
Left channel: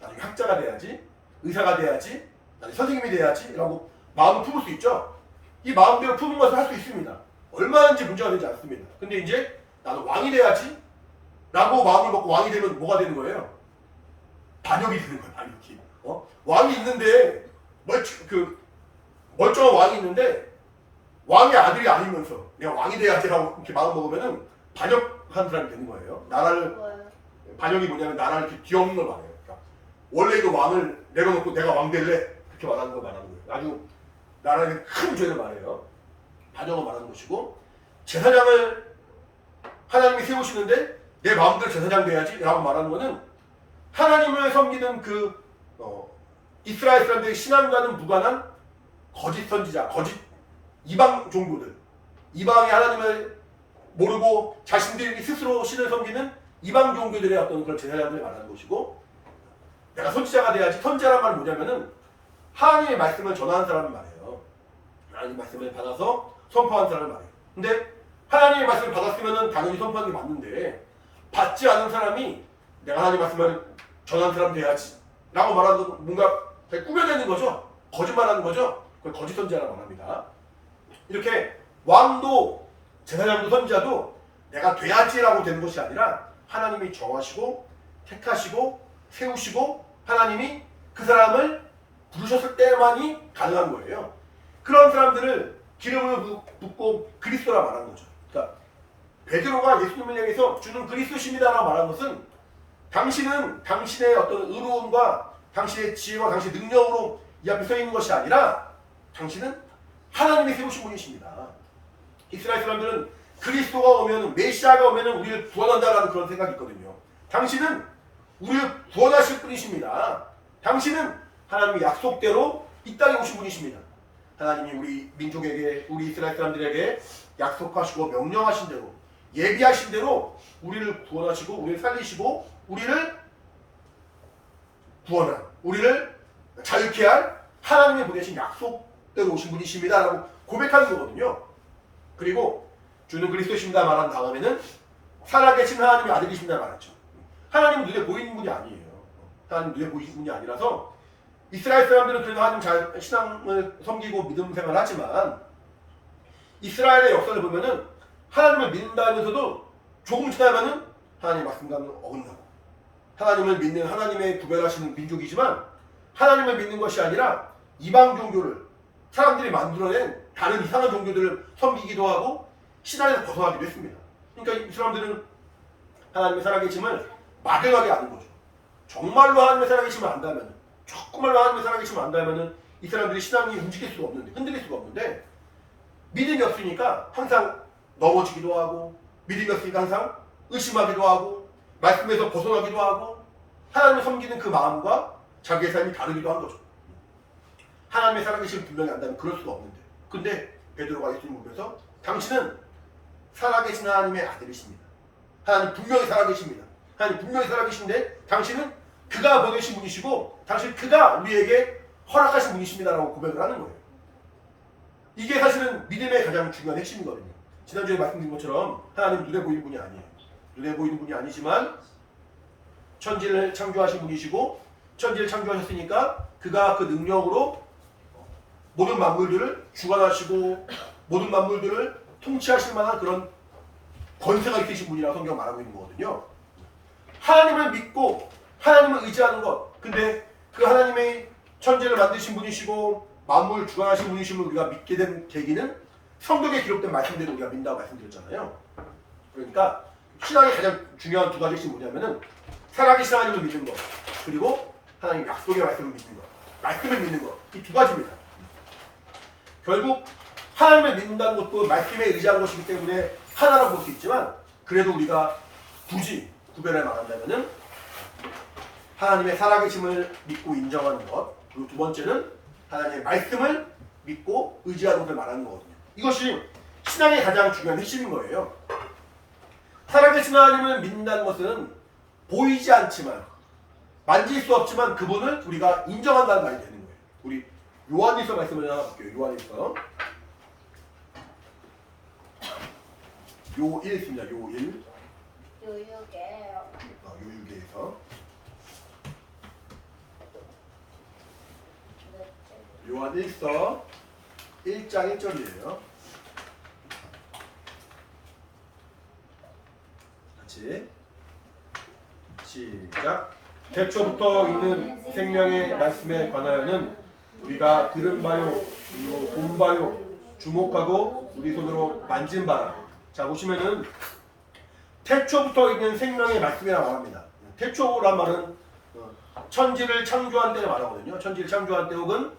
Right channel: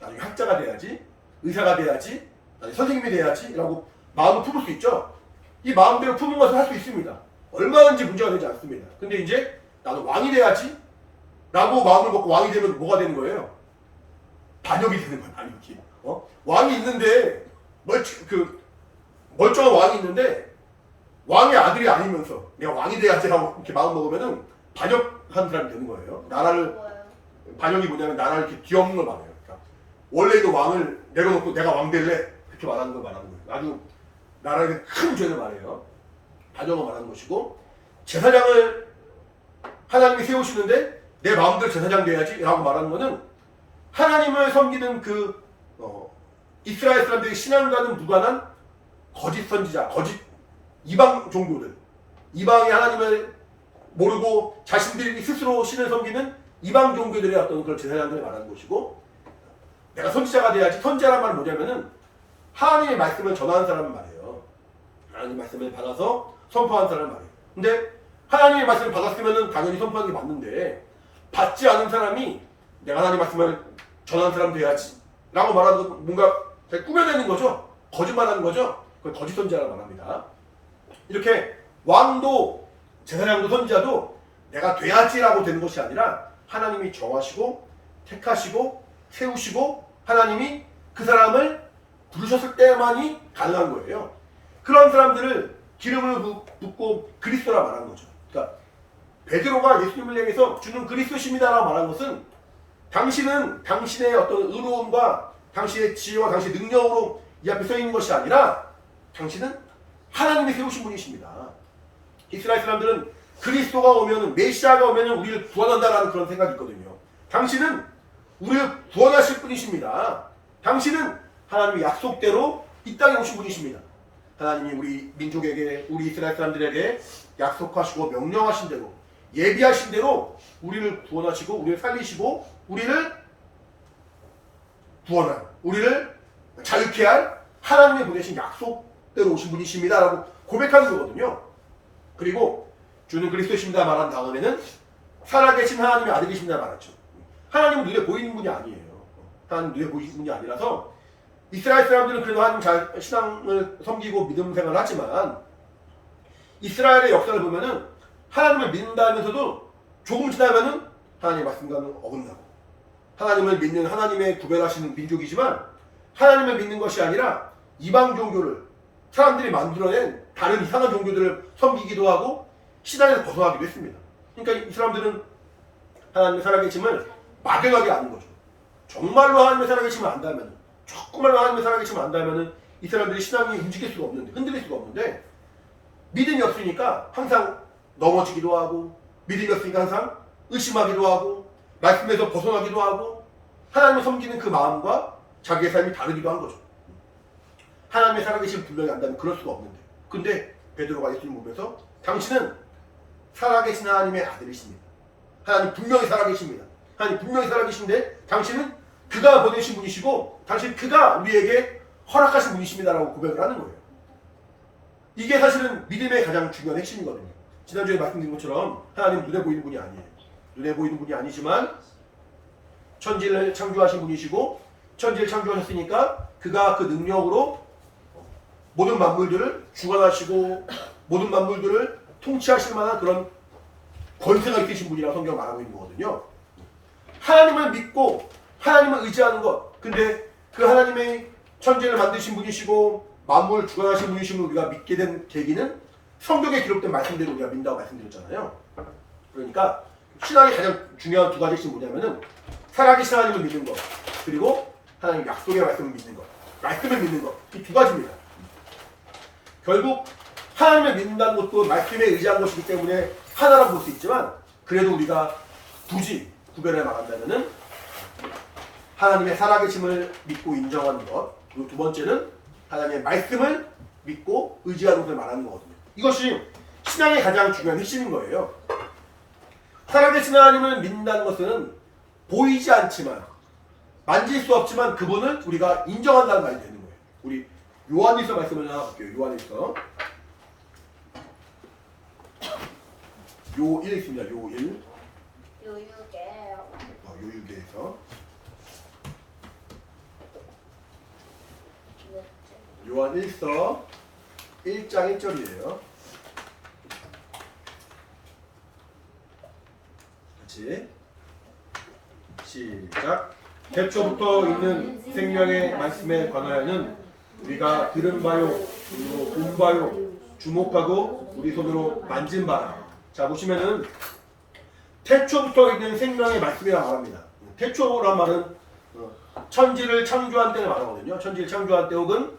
나중에 학자가 돼야지, 의사가 돼야지, 나중에 선생님이 돼야지 라고 마음을 품을 수 있죠. 이 마음대로 품은 것을 할 수 있습니다. 얼마든지 문제가 되지 않습니다. 근데 이제 나는 왕이 돼야지 라고 마음을 먹고 왕이 되면 뭐가 되는 거예요? 반역이 되는 거예요. 반역이. 왕이 있는데 멀쩡한 왕이 있는데 왕의 아들이 아니면서 내가 왕이 돼야지라고 이렇게 마음 먹으면은 반역한 사람이 되는 거예요. 반역이 뭐냐면 나라를 이렇게 뒤엎는 걸 말해요. 그러니까 원래 있는 왕을 내려놓고 내가 왕 될래 그렇게 말하는 걸 말하는 거예요. 아주 나라에 큰 죄를 말해요. 반역을 말하는 것이고 제사장을 하나님이 세우시는데 내 마음대로 제사장 돼야지 라고 말하는 거는 하나님을 섬기는 이스라엘 사람들의 신앙과는 무관한 거짓 선지자, 거짓 이방 종교들, 이방의 하나님을 모르고 자신들이 스스로 신을 섬기는 이방 종교들의 어떤 그런 제사장들을 말하는 것이고 내가 선지자가 돼야지. 선지자란 말은 뭐냐면은 하나님의 말씀을 전하는 사람을 말해요. 하나님의 말씀을 받아서 선포하는 사람을 말해요. 근데 하나님의 말씀을 받았으면은 당연히 선포하는 게 맞는데 받지 않은 사람이 내가 하나님의 말씀을 전하는 사람 돼야지 라고 말하는 건 뭔가 꾸며내는 거죠. 거짓말하는 거죠. 그걸 거짓 선지자라고 말합니다. 이렇게 왕도 제사장도 선지자도 내가 돼야지라고 되는 것이 아니라 하나님이 정하시고 택하시고 세우시고 하나님이 그 사람을 부르셨을 때만이 가능한 거예요. 그런 사람들을 기름을 붓고 그리스도라 말한 거죠. 그러니까 베드로가 예수님을 향해서 주는 그리스도십니다라고 말한 것은 당신은 당신의 어떤 의로움과 당신의 지혜와 당신의 능력으로 이 앞에 서 있는 것이 아니라 당신은 하나님이 세우신 분이십니다. 이스라엘 사람들은 그리스도가 오면 메시아가 오면 우리를 구원한다라는 그런 생각이 있거든요. 당신은 우리를 구원하실 분이십니다. 당신은 하나님의 약속대로 이 땅에 오신 분이십니다. 하나님이 우리 민족에게 우리 이스라엘 사람들에게 약속하시고 명령하신 대로 예비하신 대로 우리를 구원하시고 우리를 살리시고 우리를 구원한 우리를 자유케 할 하나님의 보내신 약속대로 오신 분이십니다 라고 고백하는 거거든요. 그리고 주는 그리스도십니다 말한 다음에는 살아계신 하나님의 아들이십니다 말했죠. 하나님은 눈에 보이는 분이 아니에요. 하나님 눈에 보이는 분이 아니라서 이스라엘 사람들은 그래도 하나님 잘 신앙을 섬기고 믿음 생활을 하지만 이스라엘의 역사를 보면은 하나님을 믿는다 하면서도 조금 지나면은 하나님의 말씀과는 어긋나고 하나님을 믿는 하나님의 구별하시는 민족이지만 하나님을 믿는 것이 아니라 이방 종교를 사람들이 만들어낸 다른 이상한 종교들을 섬기기도 하고 신앙에서 벗어나기도 했습니다. 그러니까 이 사람들은 하나님의 살아계심을 막연하게 아는 거죠. 정말로 하나님의 살아계심을 안다면 조금말로 하나님의 살아계심을 안다면 이 사람들이 신앙이 움직일 수가 없는데 흔들릴 수가 없는데 믿음이 없으니까 항상 넘어지기도 하고 믿음이 없으니까 항상 의심하기도 하고 말씀에서 벗어나기도 하고 하나님을 섬기는 그 마음과 자기의 삶이 다르기도 한 거죠. 하나님의 살아계심을 분명히 안다면 그럴 수가 없는데 근데 베드로가 예수님 보면서 당신은 살아계신 하나님의 아들이십니다. 하나님 분명히 살아계십니다. 하나님 분명히 살아계신데 당신은 그가 보내신 분이시고 당신 그가 우리에게 허락하신 분이십니다라고 고백을 하는 거예요. 이게 사실은 믿음의 가장 중요한 핵심이거든요. 지난주에 말씀드린 것처럼 하나님 눈에 보이는 분이 아니에요. 눈에 보이는 분이 아니지만 천지를 창조하신 분이시고 천지를 창조하셨으니까 그가 그 능력으로 모든 만물들을 주관하시고 모든 만물들을 통치하실 만한 그런 권세가 있으신 분이라고 성경 말하고 있는 거거든요. 하나님을 믿고 하나님을 의지하는 것. 근데 그 하나님의 천지를 만드신 분이시고 만물을 주관하신 분이심을 우리가 믿게 된 계기는 성경에 기록된 말씀대로 우리가 믿는다고 말씀드렸잖아요. 그러니까 신앙의 가장 중요한 두 가지 핵심이 뭐냐면은 살아계신 하나님을 믿는 것 그리고 하나님 약속의 말씀을 믿는 것 말씀을 믿는 것 이 두 가지입니다. 결국 하나님을 믿는다는 것도 말씀에 의지한 것이기 때문에 하나라고 볼 수 있지만 그래도 우리가 굳이 구별해 말한다면은 하나님의 살아계심을 믿고 인정하는 것 그리고 두 번째는 하나님의 말씀을 믿고 의지하는 것을 말하는 거거든요. 이것이 신앙의 가장 중요한 핵심인 거예요. 살아계신 하나님을 믿는다는 것은 보이지 않지만 만질 수 없지만 그분을 우리가 인정한다는 말이 되는 거예요. 우리 요한일서 말씀을 하나 볼게요. 요한일서 요1 있습니다. 요1 요요게요. 요육에서 요한 1서 1장 1절이에요. 같이 시작. 태초부터 있는 생명의 말씀에 관하여는 우리가 들은 바요, 우리로 본 바요, 주목하고 우리 손으로 만진 바라. 자 보시면은 태초부터 있는 생명의 말씀이라 말합니다. 태초란 말은 천지를 창조한 때를 말하거든요. 천지를 창조한 때 혹은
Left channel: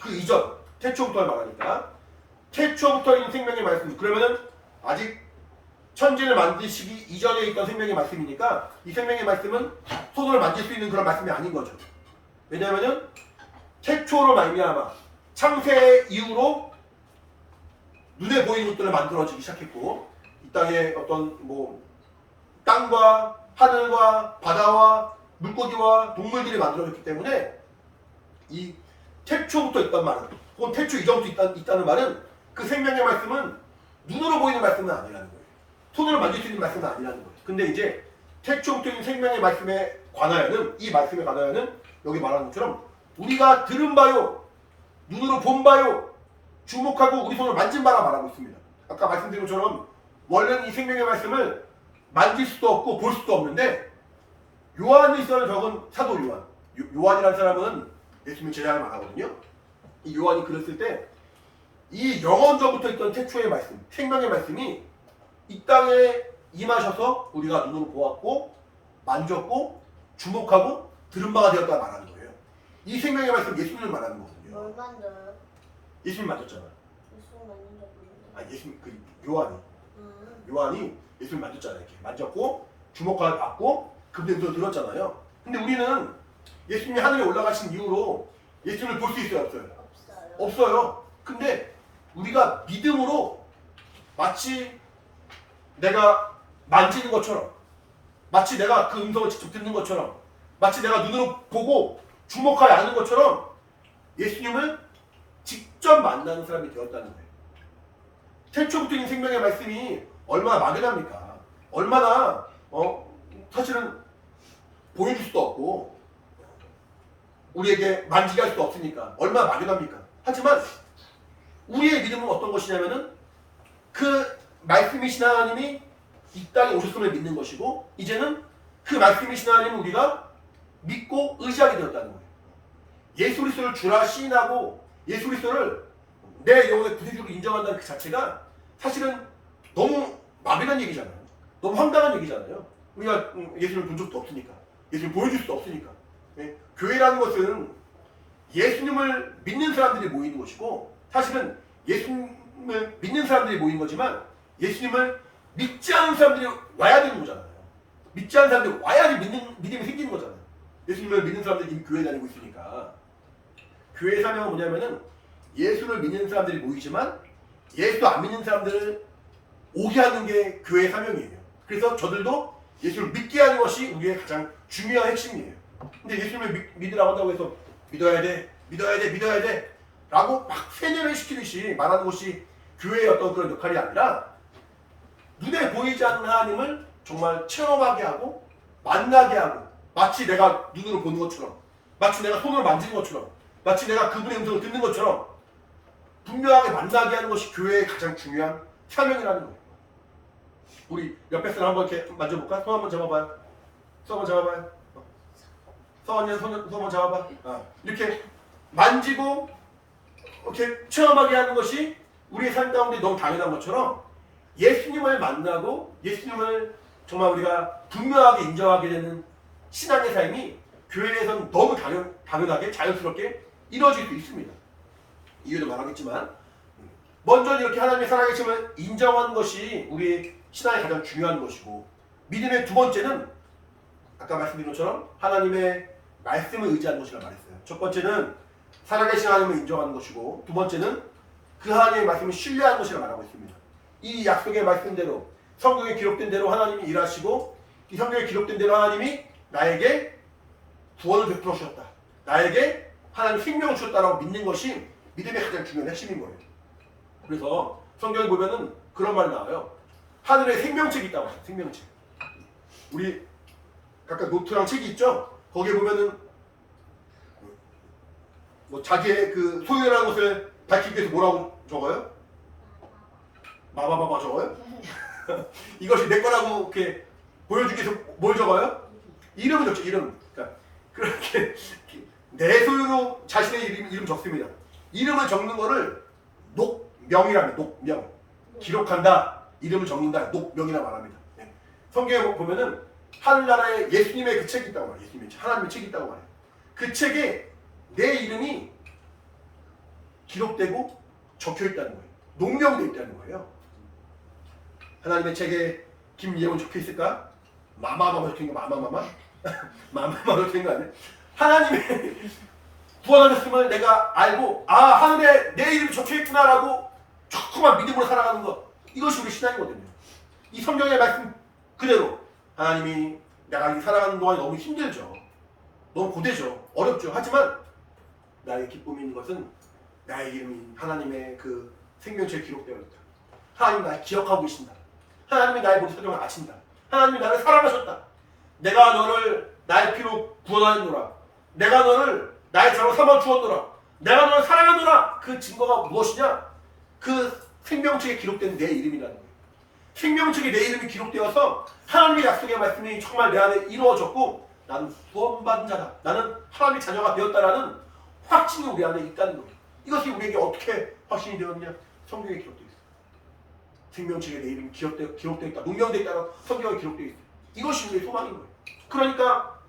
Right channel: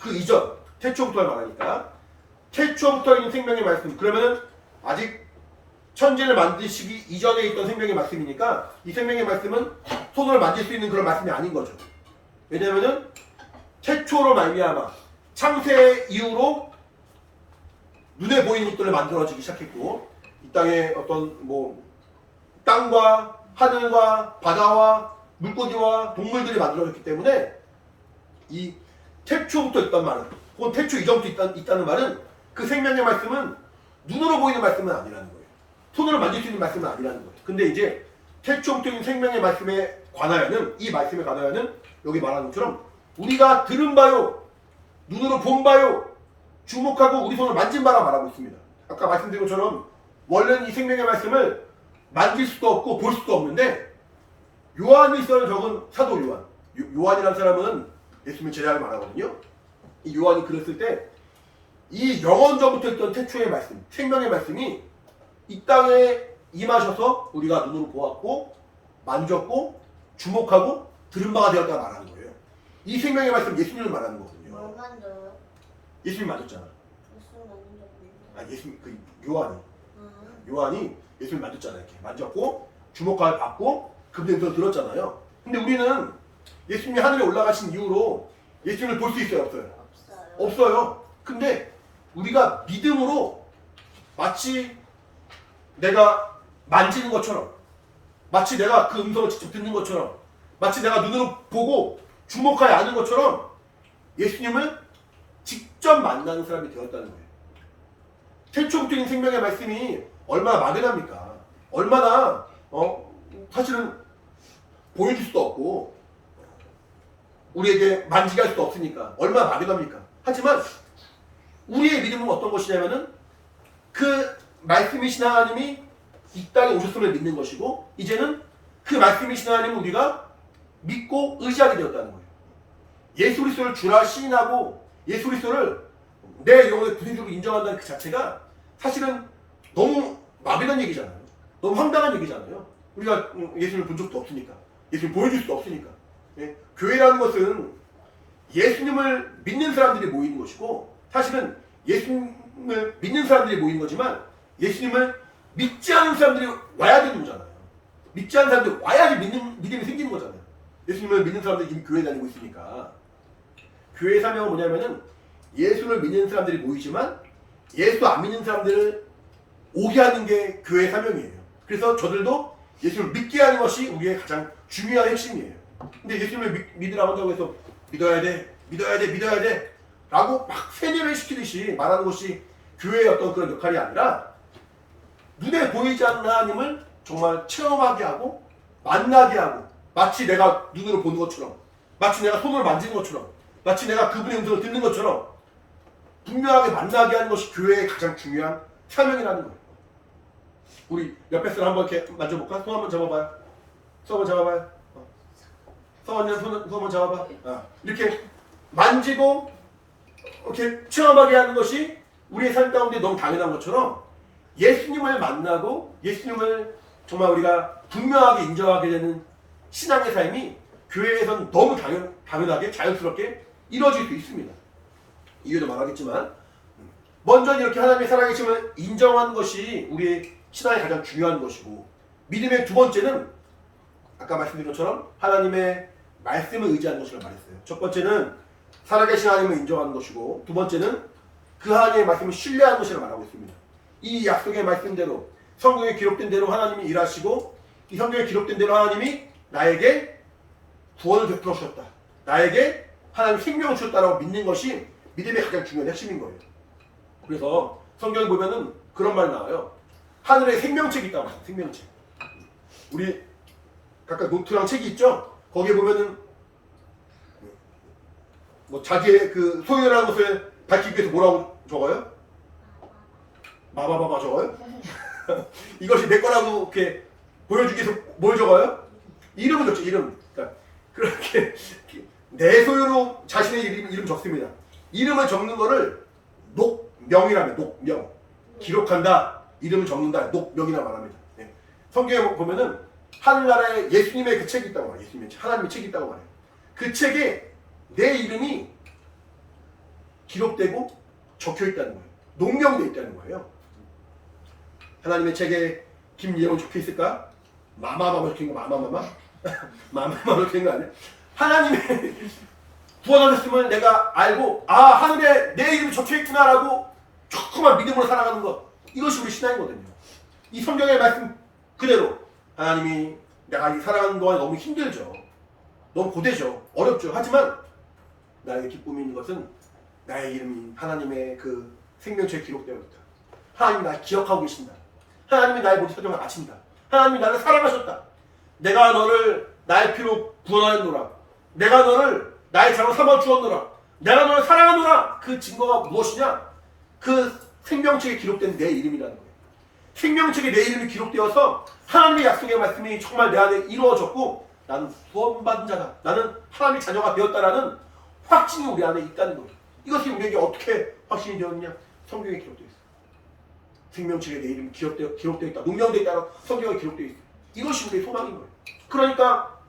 그 이전 태초부터를 말하니까 태초부터 있는 생명의 말씀 그러면은 아직 천지를 만드시기 이전에 있던 생명의 말씀이니까 이 생명의 말씀은 손으로 만질 수 있는 그런 말씀이 아닌 거죠. 왜냐하면은 태초로 말미암아 창세 이후로 눈에 보이는 것들을 만들어지기 시작했고 이 땅에 어떤 뭐 땅과 하늘과 바다와 물고기와 동물들이 만들어졌기 때문에 이 태초부터 있단 말은 혹은 태초 이전부터 있다는 말은 그 생명의 말씀은 눈으로 보이는 말씀은 아니라는 거예요. 손으로 만질 수 있는 말씀은 아니라는 거예요. 근데 이제 태초부터 있는 생명의 말씀에 관하여는 이 말씀에 관하여는 여기 말하는 것처럼 우리가 들은 바요 눈으로 본 바요 주목하고 우리 손으로 만진 바라 말하고 있습니다. 아까 말씀드린 것처럼 원래는 이 생명의 말씀을 만질 수도 없고 볼 수도 없는데 요한일서를 적은 사도 요한 요한이라는 사람은 예수님의 제자를 말하거든요. 이 요한이 글을 쓸 때 이 영원전부터 있던 태초의 말씀 생명의 말씀이 이 땅에 임하셔서 우리가 눈으로 보았고 만졌고 주목하고 들은 바가 되었다 말하는 거예요. 이 생명의 말씀 예수님을 말하는 거거든요. 뭘 만져요? 예수님 만졌잖아. 무슨 만진 적 있는데? 아 예수님 그 요한이 예수님 만졌잖아요. 이렇게 만졌고 주목하고 받고 그분의 음성을 들었잖아요. 근데 우리는 예수님이 하늘에 올라가신 이후로 예수님을 볼 수 있어요, 없어요? 없어요. 없어요. 근데 우리가 믿음으로 마치 내가 만지는 것처럼 마치 내가 그 음성을 직접 듣는 것처럼 마치 내가 눈으로 보고 주목하여 아는 것처럼 예수님을 직접 만나는 사람이 되었다는 거예요. 태초부터 있는 생명의 말씀이 얼마나 막연합니까? 얼마나 사실은 보여줄 수도 없고 우리에게 만지게 할 수도 없으니까 얼마나 막연합니까? 하지만 우리의 믿음은 어떤 것이냐면은 그 말씀이신 하나님이 이 땅에 오셨음을 믿는 것이고 이제는 그 말씀이신 하나님을 우리가 믿고 의지하게 되었다는 거예요. 예수 그리스도를 주라 시인하고 예수 그리스도를 내 영혼의 구세주로 인정한다는 그 자체가 사실은 너무 막연한 얘기잖아요. 너무 황당한 얘기잖아요. 우리가 예수님을 본 적도 없으니까. 예수님을 보여줄 수도 없으니까. 예? 교회라는 것은 예수님을 믿는 사람들이 모이는 것이고 사실은 예수님을 믿는 사람들이 모이는 거지만 예수님을 믿지 않은 사람들이 와야 되는 거잖아요. 믿지 않은 사람들이 와야지 믿음이 생기는 거잖아요. 예수님을 믿는 사람들이 이미 교회 다니고 있으니까. 교회의 사명은 뭐냐면은 예수를 믿는 사람들이 모이지만 예수 안 믿는 사람들을 오게 하는 게 교회의 사명이에요. 그래서 저들도 예수를 믿게 하는 것이 우리의 가장 중요한 핵심이에요. 근데 예수님을 믿으라고 한다고 해서 믿어야 돼 라고 막 세뇌를 시키듯이 말하는 것이 교회의 어떤 그런 역할이 아니라 눈에 보이지 않는 하나님을 정말 체험하게 하고 만나게 하고 마치 내가 눈으로 보는 것처럼 마치 내가 손으로 만지는 것처럼 마치 내가 그분의 음성을 듣는 것처럼 분명하게 만나게 하는 것이 교회의 가장 중요한 사명이라는 거예요. 우리 옆에 사람 한번 이렇게 만져볼까? 손 한번 잡아봐요. 손 한번 잡아봐요. 서원님 손 한번 잡아봐. 이렇게 만지고 이렇게 체험하게 하는 것이 우리의 삶 가운데 너무 당연한 것처럼 예수님을 만나고 예수님을 정말 우리가 분명하게 인정하게 되는 신앙의 삶이 교회에서는 너무 당연하게 자연스럽게 이루어질 수 있습니다. 이유도 말하겠지만 먼저 이렇게 하나님의 살아계심을 인정하는 것이 우리의 신앙의 가장 중요한 것이고 믿음의 두 번째는 아까 말씀드린 것처럼 하나님의 말씀을 의지하는 것이라고 말했어요. 첫 번째는 살아계신 하나님을 인정하는 것이고 두 번째는 그 하나님의 말씀을 신뢰하는 것이라고 말하고 있습니다. 이 약속의 말씀대로 성경에 기록된 대로 하나님이 일하시고 이 성경에 기록된 대로 하나님이 나에게 구원을 베풀어 주셨다. 나에게 하나님 생명을 주셨다라고 믿는 것이 믿음의 가장 중요한 핵심인 거예요. 그래서 성경에 보면은 그런 말이 나와요. 하늘에 생명책이 있다고 해요. 생명책. 우리 각각 노트랑 책이 있죠? 거기에 보면은 뭐 자기의 그 소유라는 것을 밝히기 위해서 뭐라고 적어요? 마바바바 적어요? 이것이 내 거라고 이렇게 보여주기 위해서 뭘 적어요? 이름을 적죠. 이름. 그러니까 그렇게 내 소유로 자신의 이름 적습니다. 이름을 적는 거를 녹명이라면 녹명. 기록한다. 이름을 적는다. 녹명이라고 말합니다. 네. 성경에 보면은 하늘나라에 예수님의 그 책이 있다고 말해요. 예수님의 책, 하나님의 책이 있다고 말해요. 그 책에 내 이름이 기록되고 적혀 있다는 거예요. 녹명되어 있다는 거예요. 하나님의 책에 김예원 적혀 있을까? 마마마마 적힌 거 마마마마? 마마마마 적힌 거 아니에요? 하나님의 구원하셨음을 내가 알고 하늘에 내 이름이 적혀 있구나라고 조그만 믿음으로 살아가는 것, 이것이 우리 신앙이거든요. 이 성경의 말씀 그대로 하나님이 내가 살아가는 동안에 너무 힘들죠. 너무 고되죠. 어렵죠. 하지만 나의 기쁨이 있는 것은 나의 이름이 하나님의 그 생명책에 기록되어 있다. 하나님이 나를 기억하고 계신다. 하나님이 나의 모든 사정을 아신다. 하나님이 나를 사랑하셨다. 내가 너를 나의 피로 구원하였노라. 내가 너를 나의 자로 삼아 주었노라. 내가 너를 사랑하노라. 그 증거가 무엇이냐? 그 생명책에 기록된 내 이름이라는 거예요. 생명책에 내 이름이 기록되어서 하나님의 약속의 말씀이 정말 내 안에 이루어졌고 나는 구원받은 자다. 나는 하나님의 자녀가 되었다라는 확신이 우리 안에 있다는 거예요. 이것이 우리에게 어떻게 확신이 되었냐? 성경에 기록되어 있어요. 생명책에 내 이름이 기록되어 있다. 농명되어 있다. 성경에 기록되어 있어요. 이것이 우리의 소망인 거예요. 그러니까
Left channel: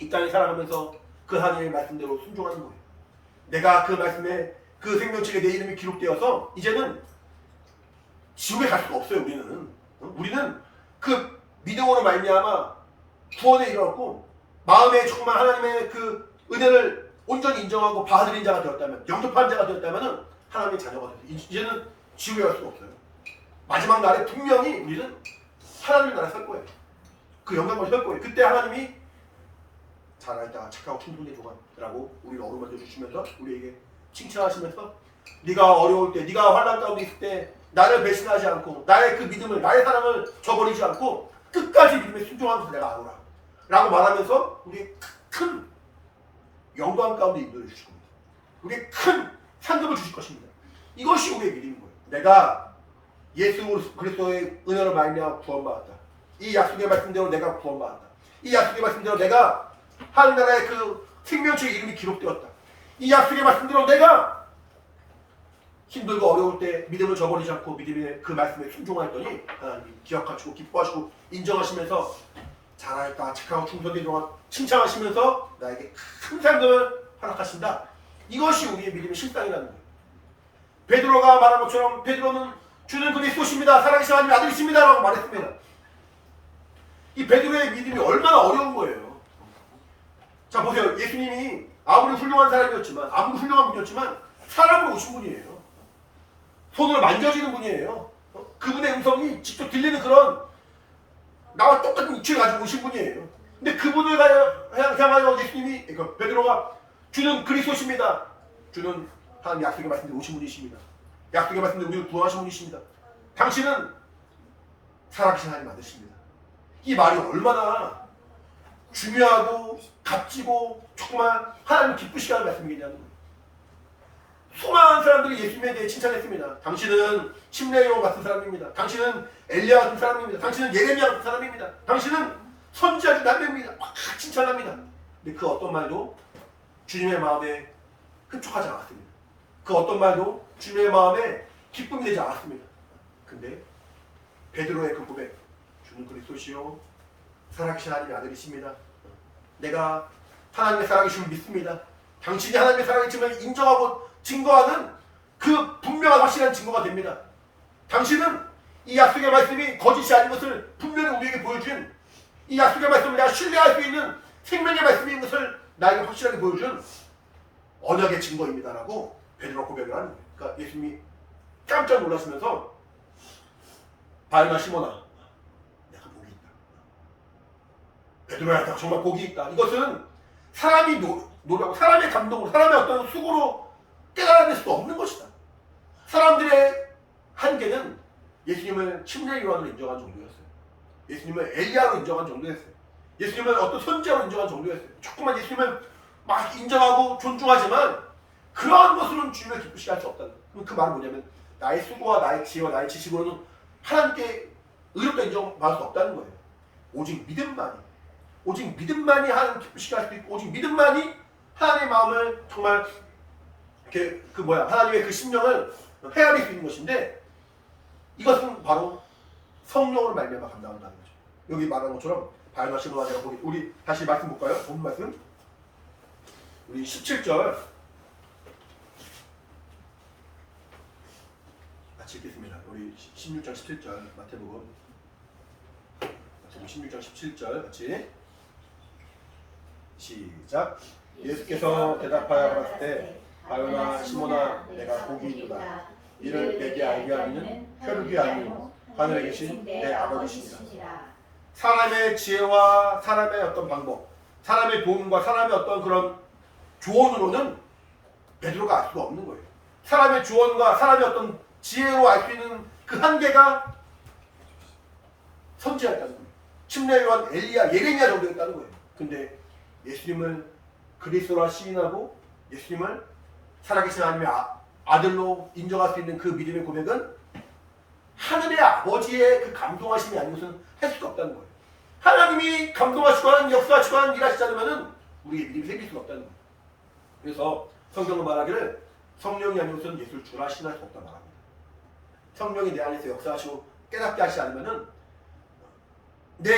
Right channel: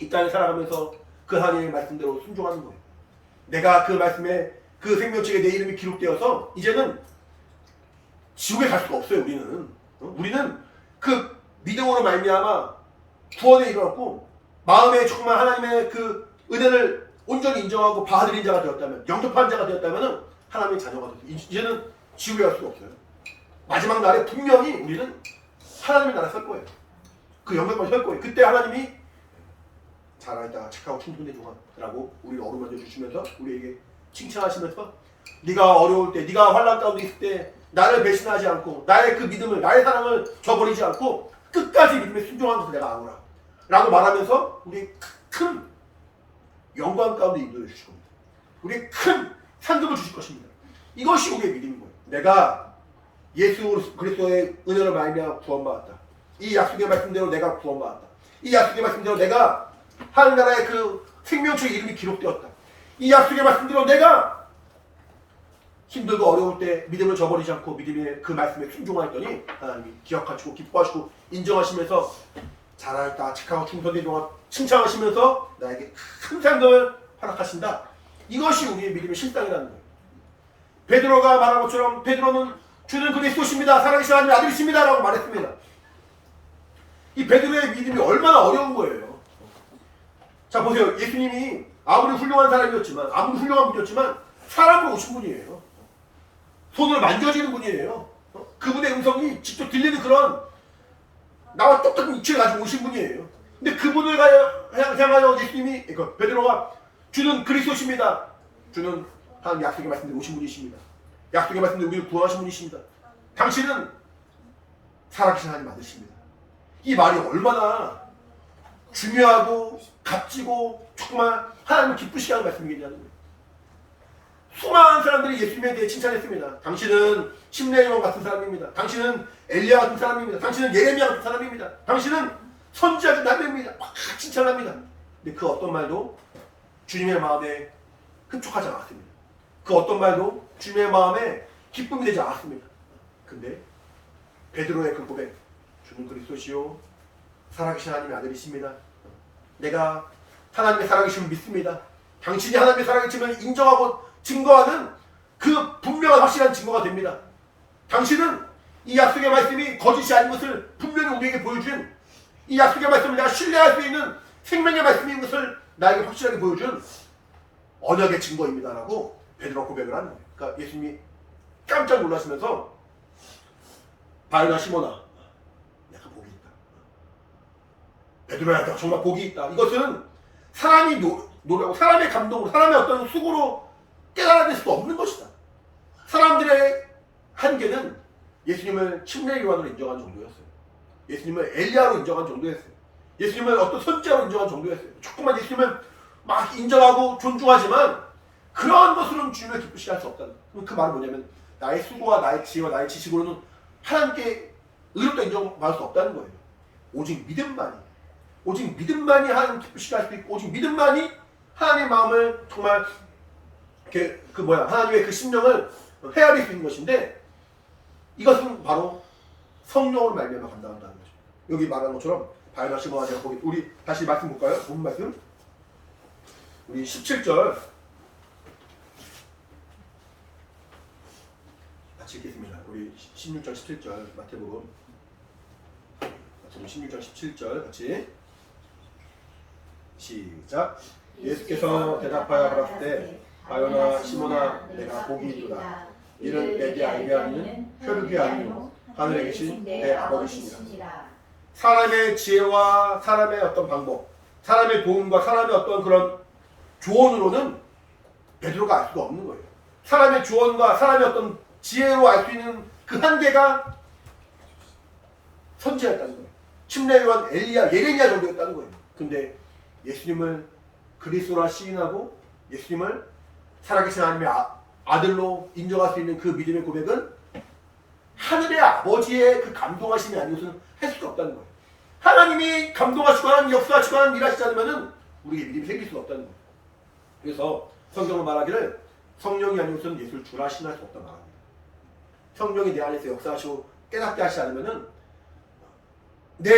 이 땅에 살아가면서 그 하나님의 말씀대로 순종하는 거예요. 내가 그 말씀에 그 생명책에 내 이름이 기록되어서 이제는 지옥에 갈 수가 없어요. 우리는 그 믿음으로 말미암아 구원에 이르렀고 마음에 정말 하나님의 그 은혜를 온전히 인정하고 받아들인 자가 되었다면, 영접한 자가 되었다면 하나님의 자녀가 되었어요. 이제는 지옥에 갈 수가 없어요. 마지막 날에 분명히 우리는 하나님의 나라에 설 거예요. 그 영광을 설 거예요. 그때 하나님이 잘하였다 착하고 충성된 종아라고 우리를 어루만져 주시면서 우리에게 칭찬하시면서 네가 어려울 때, 네가 환난 가운데 있을 때 나를 배신하지 않고 나의 그 믿음을, 나의 사랑을 저버리지 않고 끝까지 믿음에 순종한 것을 내가 아노라 라고 말하면서 우리 큰 영광 가운데 인도해 주실 겁니다. 우리 큰 상급을 주실 것입니다. 이것이 우리의 믿음인 거예요. 내가 예수 그리스도의 은혜로 말미암아 구원받았다. 이 약속의 말씀대로 내가 구원받았다. 이 약속의 말씀대로 내가 하늘나라의 그 생명책의 이름이 기록되었다. 이 약속의 말씀대로 내가 힘들고 어려울 때 믿음을 저버리지 않고 믿음의 그 말씀에 순종하였더니 하나님이 기억하시고 기뻐하시고 인정하시면서 잘하였다 착하고 충성된 동안 칭찬하시면서 나에게 큰 상급을 허락하신다. 이것이 우리의 믿음의 실상이라는 거예요. 베드로가 말한 것처럼 베드로는 주는 그리스도십니다. 살아계신 하나님의 아들이십니다. 라고 말했습니다. 이 베드로의 믿음이 얼마나 어려운 거예요. 자 보세요. 예수님이 아무리 훌륭한 사람이었지만 아무리 훌륭한 분이었지만 사람으로 오신 분이에요. 손을 만져지는 분이에요. 그분의 음성이 직접 들리는 그런 나와 똑같은 이치를 가지고 오신 분이에요. 근데 그분을 향하여 예수님이 그러니까 베드로가 주는 그리스도십니다. 주는 하나님 약속의 말씀대로 오신 분이십니다. 약속의 말씀대로 우리를 구원하신 분이십니다. 당신은 살아계신 하나님 아들이십니다. 이 말이 얼마나 중요하고 값지고 정말 하나님을 기쁘시게 하는 말씀이겠냐는 거예요. 수많은 사람들이 예수님에 대해 칭찬했습니다. 당신은 심레이온 같은 사람입니다. 당신은 엘리야 같은 사람입니다. 당신은 예레미야 같은 사람입니다. 당신은 선지자 중 남매입니다. 막 칭찬합니다. 근데 그 어떤 말도 주님의 마음에 흡족하지 않았습니다. 그 어떤 말도 주님의 마음에 기쁨이 되지 않았습니다. 근데 베드로의 그 고백, 주는 그리스도시요 살아계신 하나님의 아들이십니다. 내가 하나님의 살아계심을 믿습니다. 당신이 하나님의 살아계심을 인정하고 증거하는 그 분명한 확실한 증거가 됩니다. 당신은 이 약속의 말씀이 거짓이 아닌 것을 분명히 우리에게 보여준 이 약속의 말씀을 내가 신뢰할 수 있는 생명의 말씀인 것을 나에게 확실하게 보여준 언약의 증거입니다. 라고 베드로 고백을 하는 거예요. 그러니까 예수님이 깜짝 놀라시면서 바요나 시몬아 내가 복이 있다. 베드로야 너 정말 복이 있다. 이것은 사람이 노력하고 사람의 감동으로 사람의 어떤 수고로 깨달아낼 수도 없는 것이다. 사람들의 한계는 예수님을 침례 요한으로 인정한 정도였어요. 예수님을 엘리야로 인정한 정도였어요. 예수님을 어떤 선지자로 인정한 정도였어요. 조금만 예수님을 막 인정하고 존중하지만 그러한 것으로는 주님을 기쁘시게 할 수 없다는 거예요. 그 말은 뭐냐면 나의 수고와 나의 지혜와 나의 지식으로는 하나님께 의롭다 인정받을 수 없다는 거예요. 오직 믿음만이 하나님 기쁘시게 할 수 있고 오직 믿음만이 하나님의 마음을 정말 하나님의 그 심령을 헤아릴 수 있는 것인데 이것은 바로 성령으로 말미암아 감당한다는 거죠. 여기 말한 것처럼 바요나 시몬아 제가 보기 우리 다시 말씀 볼까요? 본 말씀 우리 17절 같이 읽겠습니다. 우리 16장 17절 마태복음 16장 17절 같이 시작. 예수께서 대답하여 가라사대 바요나 시몬아 내가 복이 있도다. 이를 내게 알게 하는 혈육이 아니요 하늘에 계신 내 아버지시니라. 사람의 지혜와 사람의 어떤 방법, 사람의 도움과 사람의 어떤 그런 조언으로는 베드로가 알 수가 없는 거예요. 사람의 조언과 사람의 어떤 지혜로 알 수 있는 그 한계가 선지자였다는 거예요. 침례 요한 엘리야, 예레미야 정도였다는 거예요. 근데 예수님을 그리스도라 시인하고 예수님을 살아계신 하나님의 아들로 인정할 수 있는 그 믿음의 고백은 하늘의 아버지의 그 감동하심이 아니고서는 할 수가 없다는 거예요. 하나님이 감동하시고 하나님 역사하시고 하나님 일하시지 않으면 우리에게 믿음이 생길 수가 없다는 거예요. 그래서 성경은 말하기를 성령이 아니고서는 예수를 주라 신할 수 없다 말합니다. 성령이 내 안에서 역사하시고 깨닫게 하시지 않으면 내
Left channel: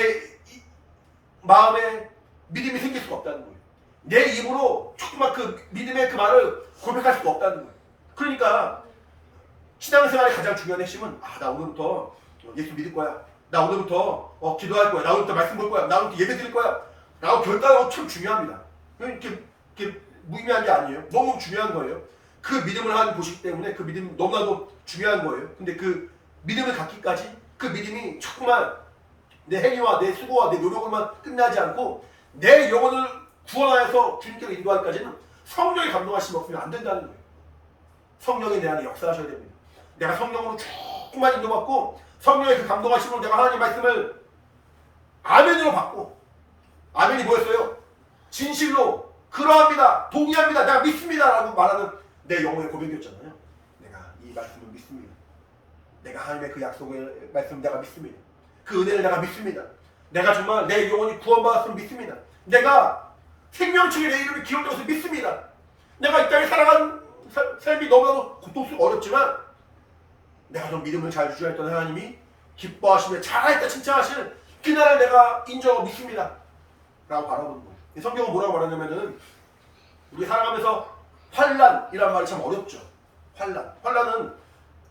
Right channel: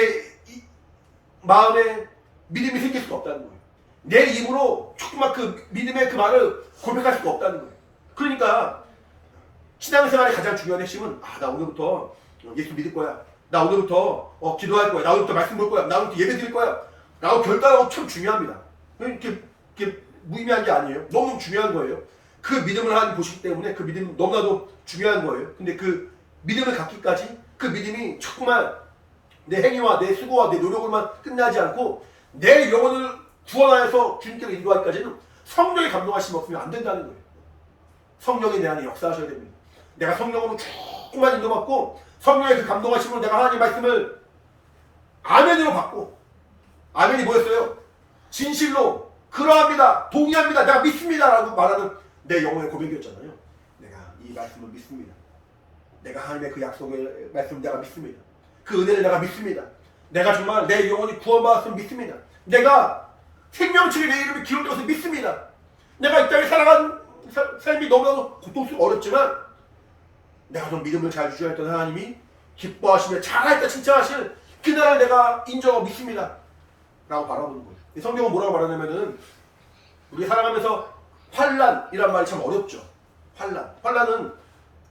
마음에 믿음이 생길 수가 없다는 거예요. 내 입으로 조금만 그 믿음의 그 말을 고백할 수가 없다는 거예요. 그러니까 신앙생활의 가장 중요한 핵심은 나 오늘부터 예수 믿을 거야. 나 오늘부터 기도할 거야. 나 오늘부터 말씀 볼 거야. 나 오늘부터 예배 드릴 거야. 라고 결단하는 거 참 중요합니다. 이렇게 무의미한 게 아니에요. 너무너무 중요한 거예요. 그 믿음을 하나님 보시기 때문에 그 믿음은 너무나도 중요한 거예요. 근데 그 믿음을 갖기까지 그 믿음이 정말 내 행위와 내 수고와 내 노력으로만 끝나지 않고 내 영혼을 구원하여서 주님께로 인도하기까지는 성령의 감동하심이 없으면 안 된다는 거예요. 성령이 내 안에 역사하셔야 됩니다. 내가 성령으로 조금만 인도받고 성령의 그 감동하심으로 내가 하나님의 말씀을 아멘으로 받고, 아멘이 뭐였어요? 진실로 그러합니다, 동의합니다, 내가 믿습니다 라고 말하는 내 영혼의 고백이었잖아요. 내가 이 말씀을 믿습니다. 내가 하나님의 그 약속의 말씀을 내가 믿습니다. 그 은혜를 내가 믿습니다. 내가 정말 내 영혼이 구원받았음을 믿습니다. 내가 생명책에 내 이름이 기록되어서 믿습니다. 내가 이 땅에 살아간 삶이 너무나도 고통스럽고 어렵지만 내가 좀 믿음을 잘 유지했던 하나님이 기뻐하시며 잘하였다 칭찬하시는 그날을 내가 인정하고 믿습니다 라고 바라보는 거예요. 이 성경은 뭐라고 말하냐면은 우리 살아가면서 환난이란 말이 참 어렵죠. 환난은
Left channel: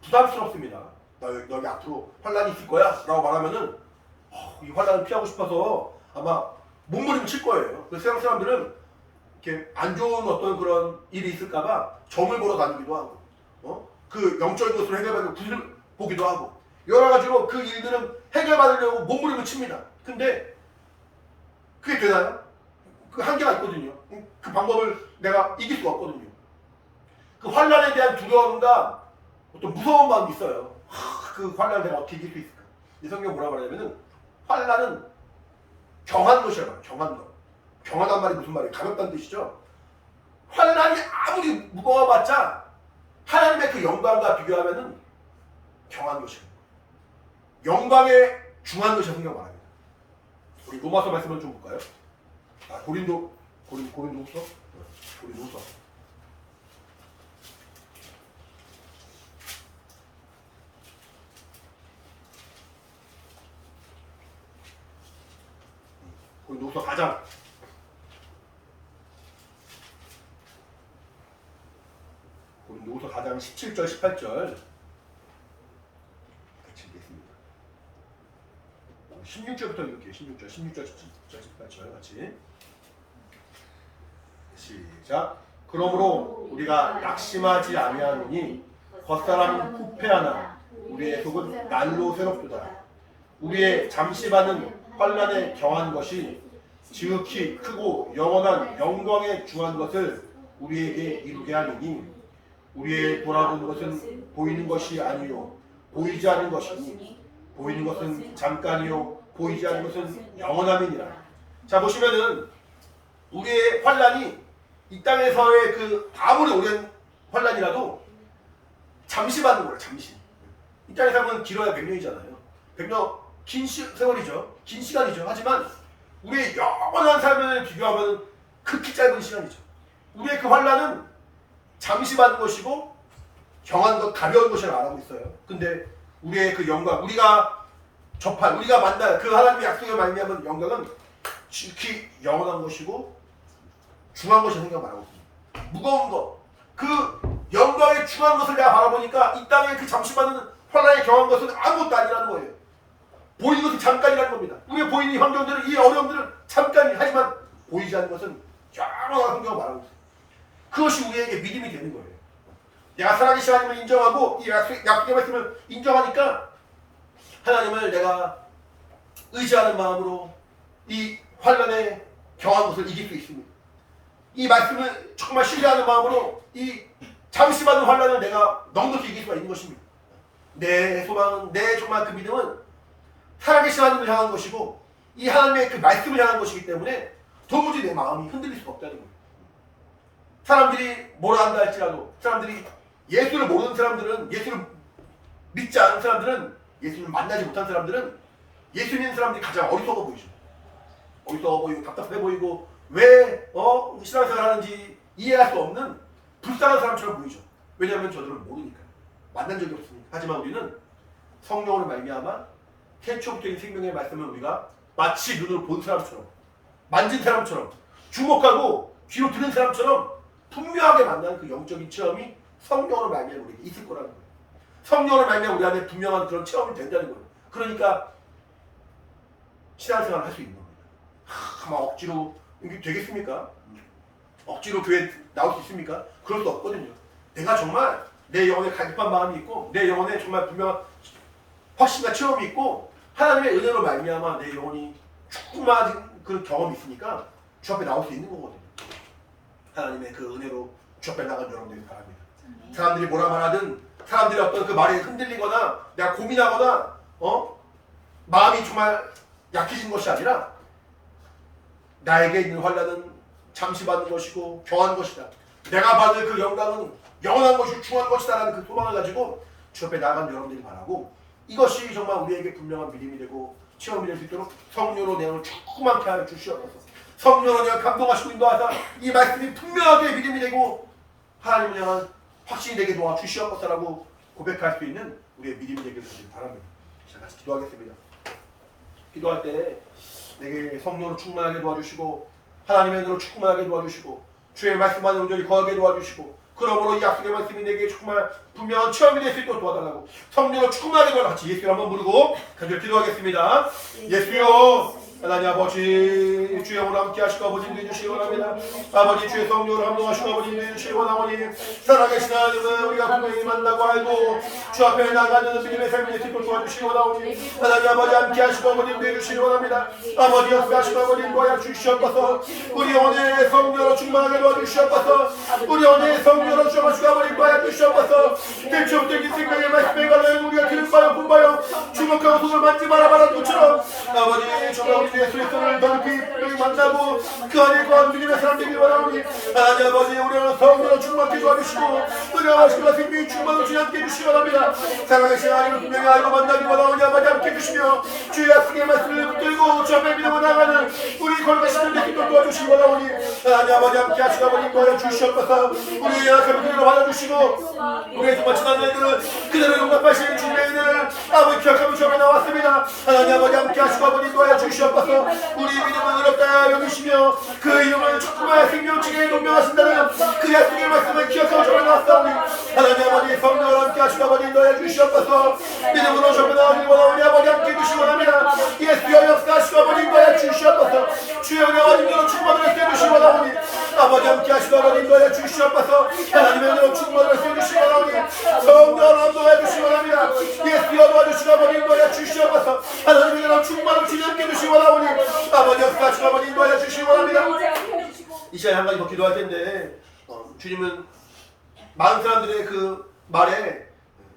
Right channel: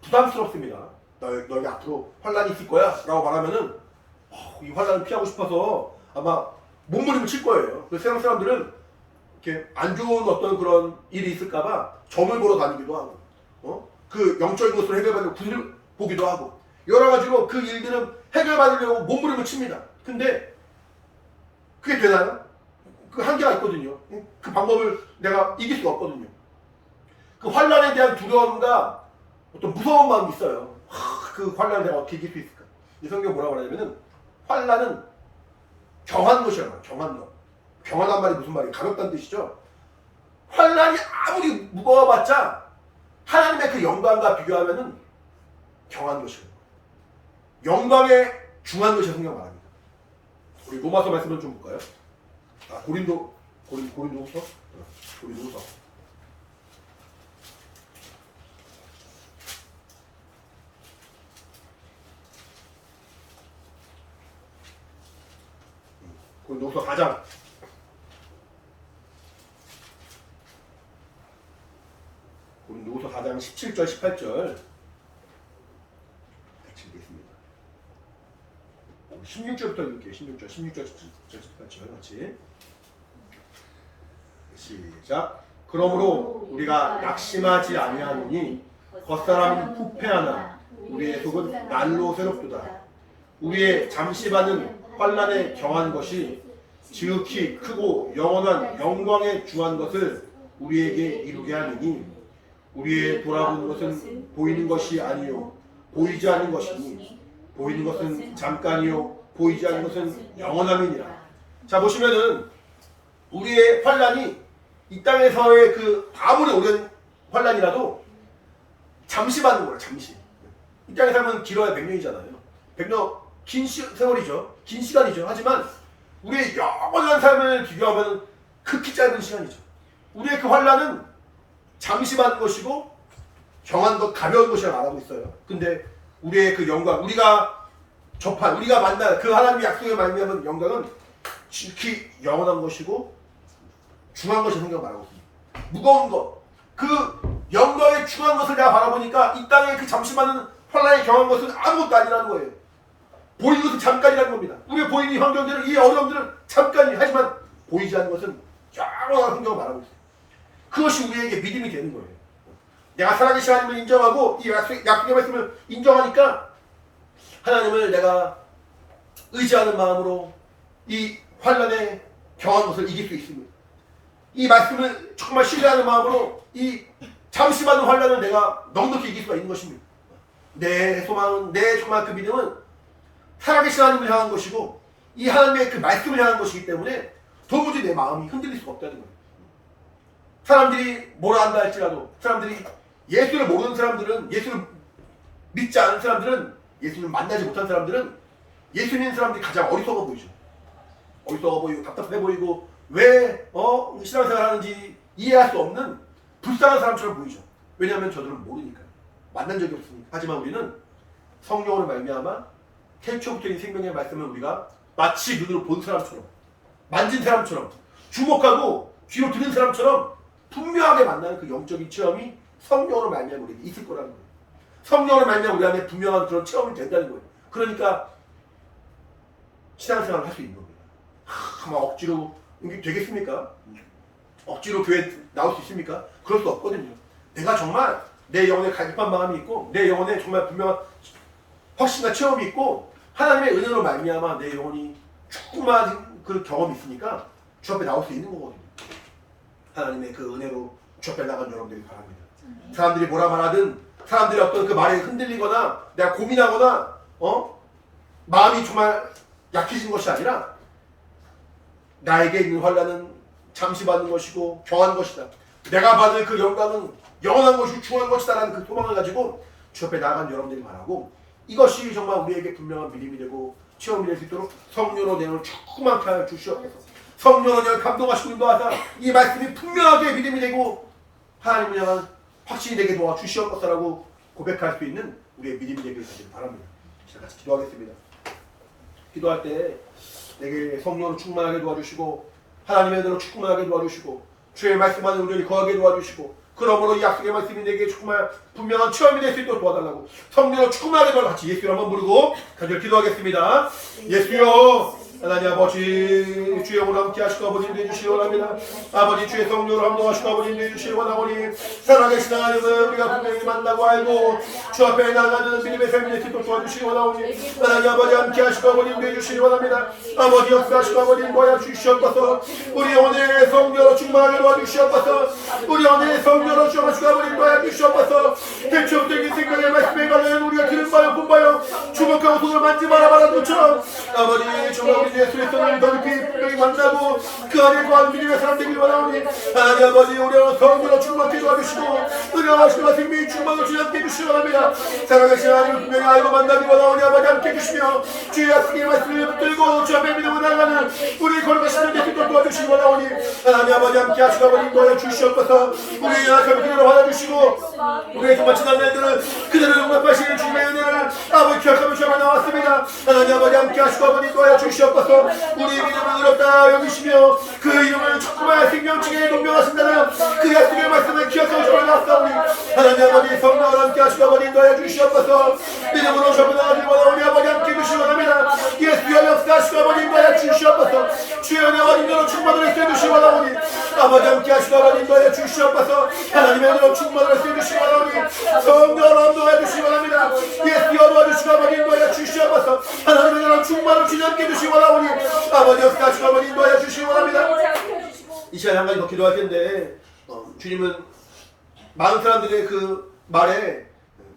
부담스럽습니다. 너희 앞으로 환난이 있을 거야 라고 말하면은 이 환난을 피하고 싶어서 아마 몸부림을 칠 거예요. 그래서 세상 사람들은 이렇게 안 좋은 어떤 그런 일이 있을까봐 점을 보러 다니기도 하고, 그 영적인 것을 해결하려고 굿을 보기도 하고, 여러 가지로 그 일들은 해결받으려고 몸부림을 칩니다. 근데 그게 되나요? 그 한계가 있거든요. 그 방법을 내가 이길 수가 없거든요. 그 환난에 대한 두려움과 어떤 무서운 마음이 있어요. 그 환난을 내가 어떻게 이길 수 있을까? 이 성경 뭐라고 말하냐면은 환난은 경한 것이라고 말해요. 경한 것. 경하단 말이 무슨 말이에요? 가볍다는 뜻이죠. 환난이 아무리 무거워봤자 하나님의 그 영광과 비교하면은 경한 것이라고. 영광에 중한 것이 성경 말합니다. 우리 로마서 말씀을 좀 볼까요? 고린도후서. 고린도후서. 고린도후서 4장. 고린도후서 4장 17절 18절 같이 읽겠습니다. 16절부터 읽을게요. 16절 18절 같이 시작. 그러므로 우리가 낙심하지 아니하노니 겉사람은 후패하나 우리의 속은 날로 새롭도다. 우리의 잠시반은 환난에 경한 것이 지극히 크고 영원한 영광에 중한 것을 우리에게 이루게 하느니 우리의 돌아보는 것은 보이는 것이 아니요 보이지 않는 것이니 보이는 것은 잠깐이요 보이지 않는 것은 영원함이니라. 자, 보시면은 우리의 환난이 이 땅에서의 그 아무리 오랜 환난이라도 잠시 받는 거예요. 잠시. 이 땅에 살면 길어야 100년이잖아요. 100년 긴 세월이죠. 긴 시간이죠. 하지만 우리의 영원한 삶을 비교하면 극히 짧은 시간이죠. 우리의 그 환난은 잠시 받는 것이고 경한 것, 가벼운 것이라고 말하고 있어요. 근데 우리의 그 영광, 우리가 접할, 우리가 만날 그 하나님의 약속에 말미암은 영광은 지극히 영원한 것이고 중한 것이 성경 말하고 있습니다. 무거운 것, 그 영광의 중한 것을 내가 바라보니까 이 땅에 그 잠시 받는 환난에 경한 것은 아무것도 아니라는 거예요. 보이는 것은 잠깐이라는 겁니다. 우리의 보이는 환경들은, 이 어려움들은 잠깐이, 하지만 보이지 않는 것은 영원한 성경을 말하고 있어요. 그것이 우리에게 믿음이 되는 거예요. 내가 살아계신 하나님을 인정하고 이 약속의 말씀을 인정하니까 하나님을 내가 의지하는 마음으로 이 환난에 경한 것을 이길 수 있습니다. 이 말씀을 정말 신뢰하는 마음으로 이 잠시 받는 환난을 내가 넉넉히 이길 수가 있는 것입니다. 내 소망은, 내 정말 그 믿음은 살아계신 하나님을 향한 것이고 이 하나님의 그 말씀을 향한 것이기 때문에 도무지 내 마음이 흔들릴 수가 없다는 거예요. 사람들이 뭐라 한다 할지라도, 사람들이 예수를 모르는 사람들은, 예수를 믿지 않은 사람들은, 예수를 만나지 못한 사람들은 예수 믿는 사람들이 가장 어리석어 보이죠. 어리석어 보이고 답답해 보이고 왜 신앙생활 하는지 이해할 수 없는 불쌍한 사람처럼 보이죠. 왜냐하면 저들은 모르니까요. 만난 적이 없으니까. 하지만 우리는 성령으로 말미암아 태초부터인 생명의 말씀을 우리가 마치 눈으로 본 사람처럼, 만진 사람처럼, 주목하고 귀로 듣는 사람처럼 분명하게 만나는 그 영적인 체험이 성령으로 말미암아 우리에게 있을 거라는 거예요. 성령으로 말미암아 우리 안에 분명한 그런 체험이 된다는 거예요. 그러니까 신앙생활을 할 수 있는 겁니다. 막 억지로 이게 되겠습니까? 억지로 교회 나올 수 있습니까? 그럴 수 없거든요. 내가 정말 내 영혼에 갈급한 마음이 있고 내 영혼에 정말 분명한 확신과 체험이 있고 하나님의 은혜로 말미암아 내 영혼이 충만한 그 경험이 있으니까 주 앞에 나올 수 있는 거거든요. 하나님의 그 은혜로 주 앞에 나간 여러분들이 바랍니다. 사람들이 뭐라 말하든, 사람들이 어떤 그 말에 흔들리거나 내가 고민하거나 마음이 정말 약해진 것이 아니라 나에게 있는 환난은 잠시 받는 것이고 경한 것이다. 내가 받을 그 영광은 영원한 것이고 중요한 것이다라는 그 소망을 가지고 주 앞에 나간 여러분들이 바라고, 이것이 정말 우리에게 분명한 믿음이 되고 체험이 될 수 있도록 성령으로 내용을 충만케 하여 주시옵소서. 성령으로 내용을 감동하시고 인도하사 이 말씀이 분명하게 믿음이 되고 하나님을 향한 확신이 되게 도와주시옵소서라고 고백할 수 있는 우리의 믿음이 되길 바랍니다. 자, 같이 기도하겠습니다. 기도할 때 내게 성령으로 충만하게 도와주시고 하나님의 은혜로 충만하게 도와주시고 주의 말씀 안에 온전히 거하게 도와주시고, 그러므로 이 약속의 말씀이 내게 정말 분명한 체험이 될 수 있도록 도와달라고 성령으로 충만하게 도와달라고 같이 예수를 한번 부르고 간절히 기도하겠습니다. 예수여, 하나님 아버지, 주의 오늘 함께 하시고 아버지 인도해 주시기 원합니다. 아버지 주의 성령으로 감동하시고 아버지 인도해 주시기 원하오니 살아계신 하나님을 우리가 분명히 만나고 알고 주 앞에 나가는 믿음의 삶이 될 수 있도록 도와주시기 원하오니 하나님 아버지 함께 하시고 아버지 인도해 주시기 원합니다. 아버지 역사하시고 아버지 인도하여 주시옵소서. 우리 영혼의 성령으로 충만하게 도와주시옵소서. 우리 영혼의 성령으로 충만하시고 아버지 인도하여 주시옵소서. 대초부터 이 생명의 말씀에 관하여 우리가 들은 바요 본 바요 주목하고 손을 만지 말아봐라 것처럼 아버지 정말 우리 예수의 손을 더 깊이 분명히 만나고 그 안에 거하는 믿음의 사람 되길 원하오니 하나님 아버지 우리는 성령으로 충만케 도와주시고 은혜와 생명이 충만으로 주님 함께 해주시기 원합니다. 살아계신 하나님을 분명히 알고 만나기 원하오니 아버지 함께 해주시며 주의 약속의 말씀을 붙들고 주 앞에 믿음으로 나가는 우리 걸어가시는 데도 도와주시기 원하오니 하나님 아버지 함께 하시고 아버지 인도하여 주시옵소서. 우리의 약함을 그대로 받아주시고 우리의 정말 지난 날들을 그대로 용납하시는 주님의 은혜를 아버지 기억하며 주 앞에 나왔습니다. 하나님 아버지 함께 하시고 아버지 인도하여 주시옵소서. 우리 믿음을 어렵다 여기시며 그 이름을 축복하여 생명중에 동명하신다는 그 약속의 말씀을 기억하고 주 앞에 나왔사오니 하나님 아버지 성령을 함께 하시고 아버지 인도하여 주시옵소서. 믿음으로 주 앞에 나오길 원하오니 아버지 함께 해주시기 원합니다. 예수여 역사하시고 아버지 인도하여 주시옵소서. 주의 은혜와 능력으로 충만을 해주시기 원하오니 아버지 함께 하시고 아버지 인도하여 주시옵소서. 하나님의 은혜로 충만을 해주시기 원하오니 성령으로 인도하여 주시기 원합니다. 예수여 도와주시고 아버지 인도하여 주시옵소서. 하나님의 은혜로 충만을 주님 함께 해주시기 원하오니 아버지 역사하시고 아버지 인도하여 주시기 원합니다. 이 시간에 한 가지 더 기도할 텐데 주님은 많은 사람들의 그 말에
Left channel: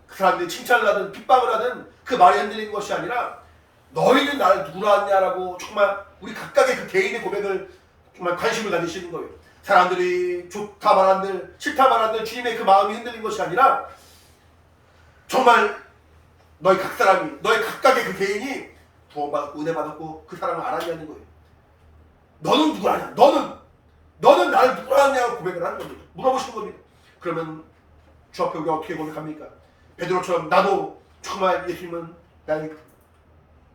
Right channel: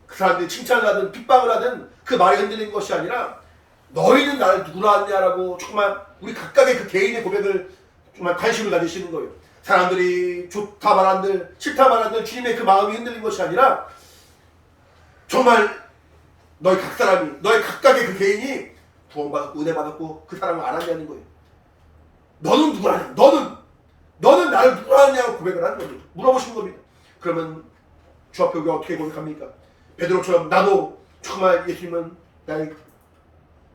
그 사람들이 칭찬을 하든 핍박을 하든 그 말에 흔들리는 것이 아니라 너희는 나를 누구라 하냐라고 정말 우리 각각의 그 개인의 고백을 정말 관심을 가지시는 거예요. 사람들이 좋다 말한들 싫다 말한들 주님의 그 마음이 흔들린 것이 아니라 정말 너희 각 사람이 너희 각각의 그 개인이 구원받았고 은혜받았고 그 사랑을 알았냐는 거예요. 너는 누구라냐? 너는 나를 누구라냐고 고백을 하는 겁니다. 물어보시는 겁니다. 그러면 주 앞에 우리가 어떻게 고백합니까? 베드로처럼 나도 정말 예수님은 나의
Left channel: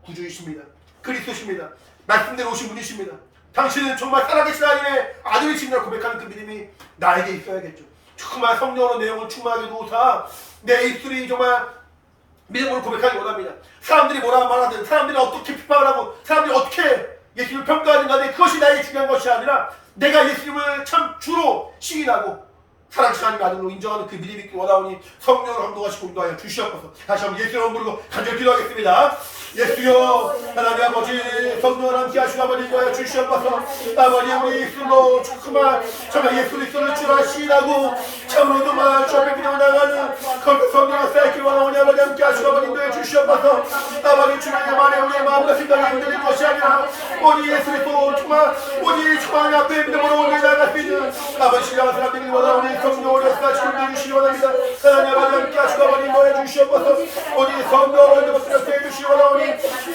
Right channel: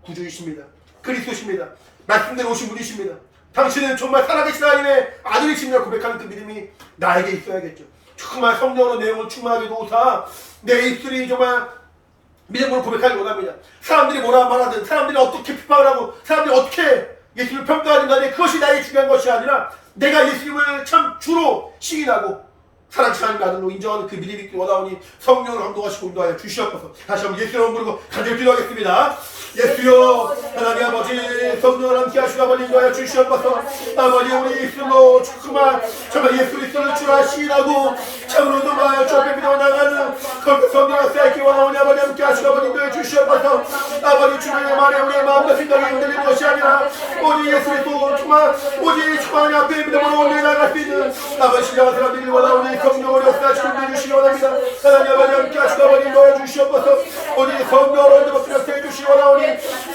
구주이십니다. 그리스도십니다. 말씀대로 오신 분이십니다. 당신은 정말 살아계신 하나님의 아들이십니다. 고백하는 그 믿음이 나에게 있어야겠죠. 정말 성령으로 내용을 충만하게 도우사 내 입술이 정말 믿음으로 고백하기 원합니다. 사람들이 뭐라 말하든 사람들이 어떻게 비판을 하고 사람들이 어떻게 예수님을 평가하든 간에 그것이 나에게 중요한 것이 아니라 내가 예수님을 참 주로 시인하고 살아계신 하나님의 아들로 인정하는 그 믿음이 있기 원하오니 성령으로 감동하시고 인도하여 주시옵소서. 다시 한번 예수를 부르고 간절히 기도하겠습니다. 예수여 하나님 아버지 성령을 함께 하시고 아버지 인도하여 주시옵소서. 아버지 우리 예수로 정말 예수 그리스도를 주라 시인하고 참으로 인도하여 주 앞에 믿음을 나가는 거룩한 성령을 쌓이기 원하오니 아버지 함께 하시고 아버지 인도하여 주시옵소서. 아버지 주님의 말에 우리의 마음과 생각이 흔들리는 것이 아니라 오직 예수 그리스도 정말 오직 하나님 앞에 믿음으로 온전히 나갈 수 있는 아버지 신령한 사람 되기를 원하오니 성령으로 역사하시고 인도해주시기 원합니다. 하나님 아버지 함께 하시고 아버지 인도해 주시옵소서. 오직 성령으로 인도해 주시기 원하오니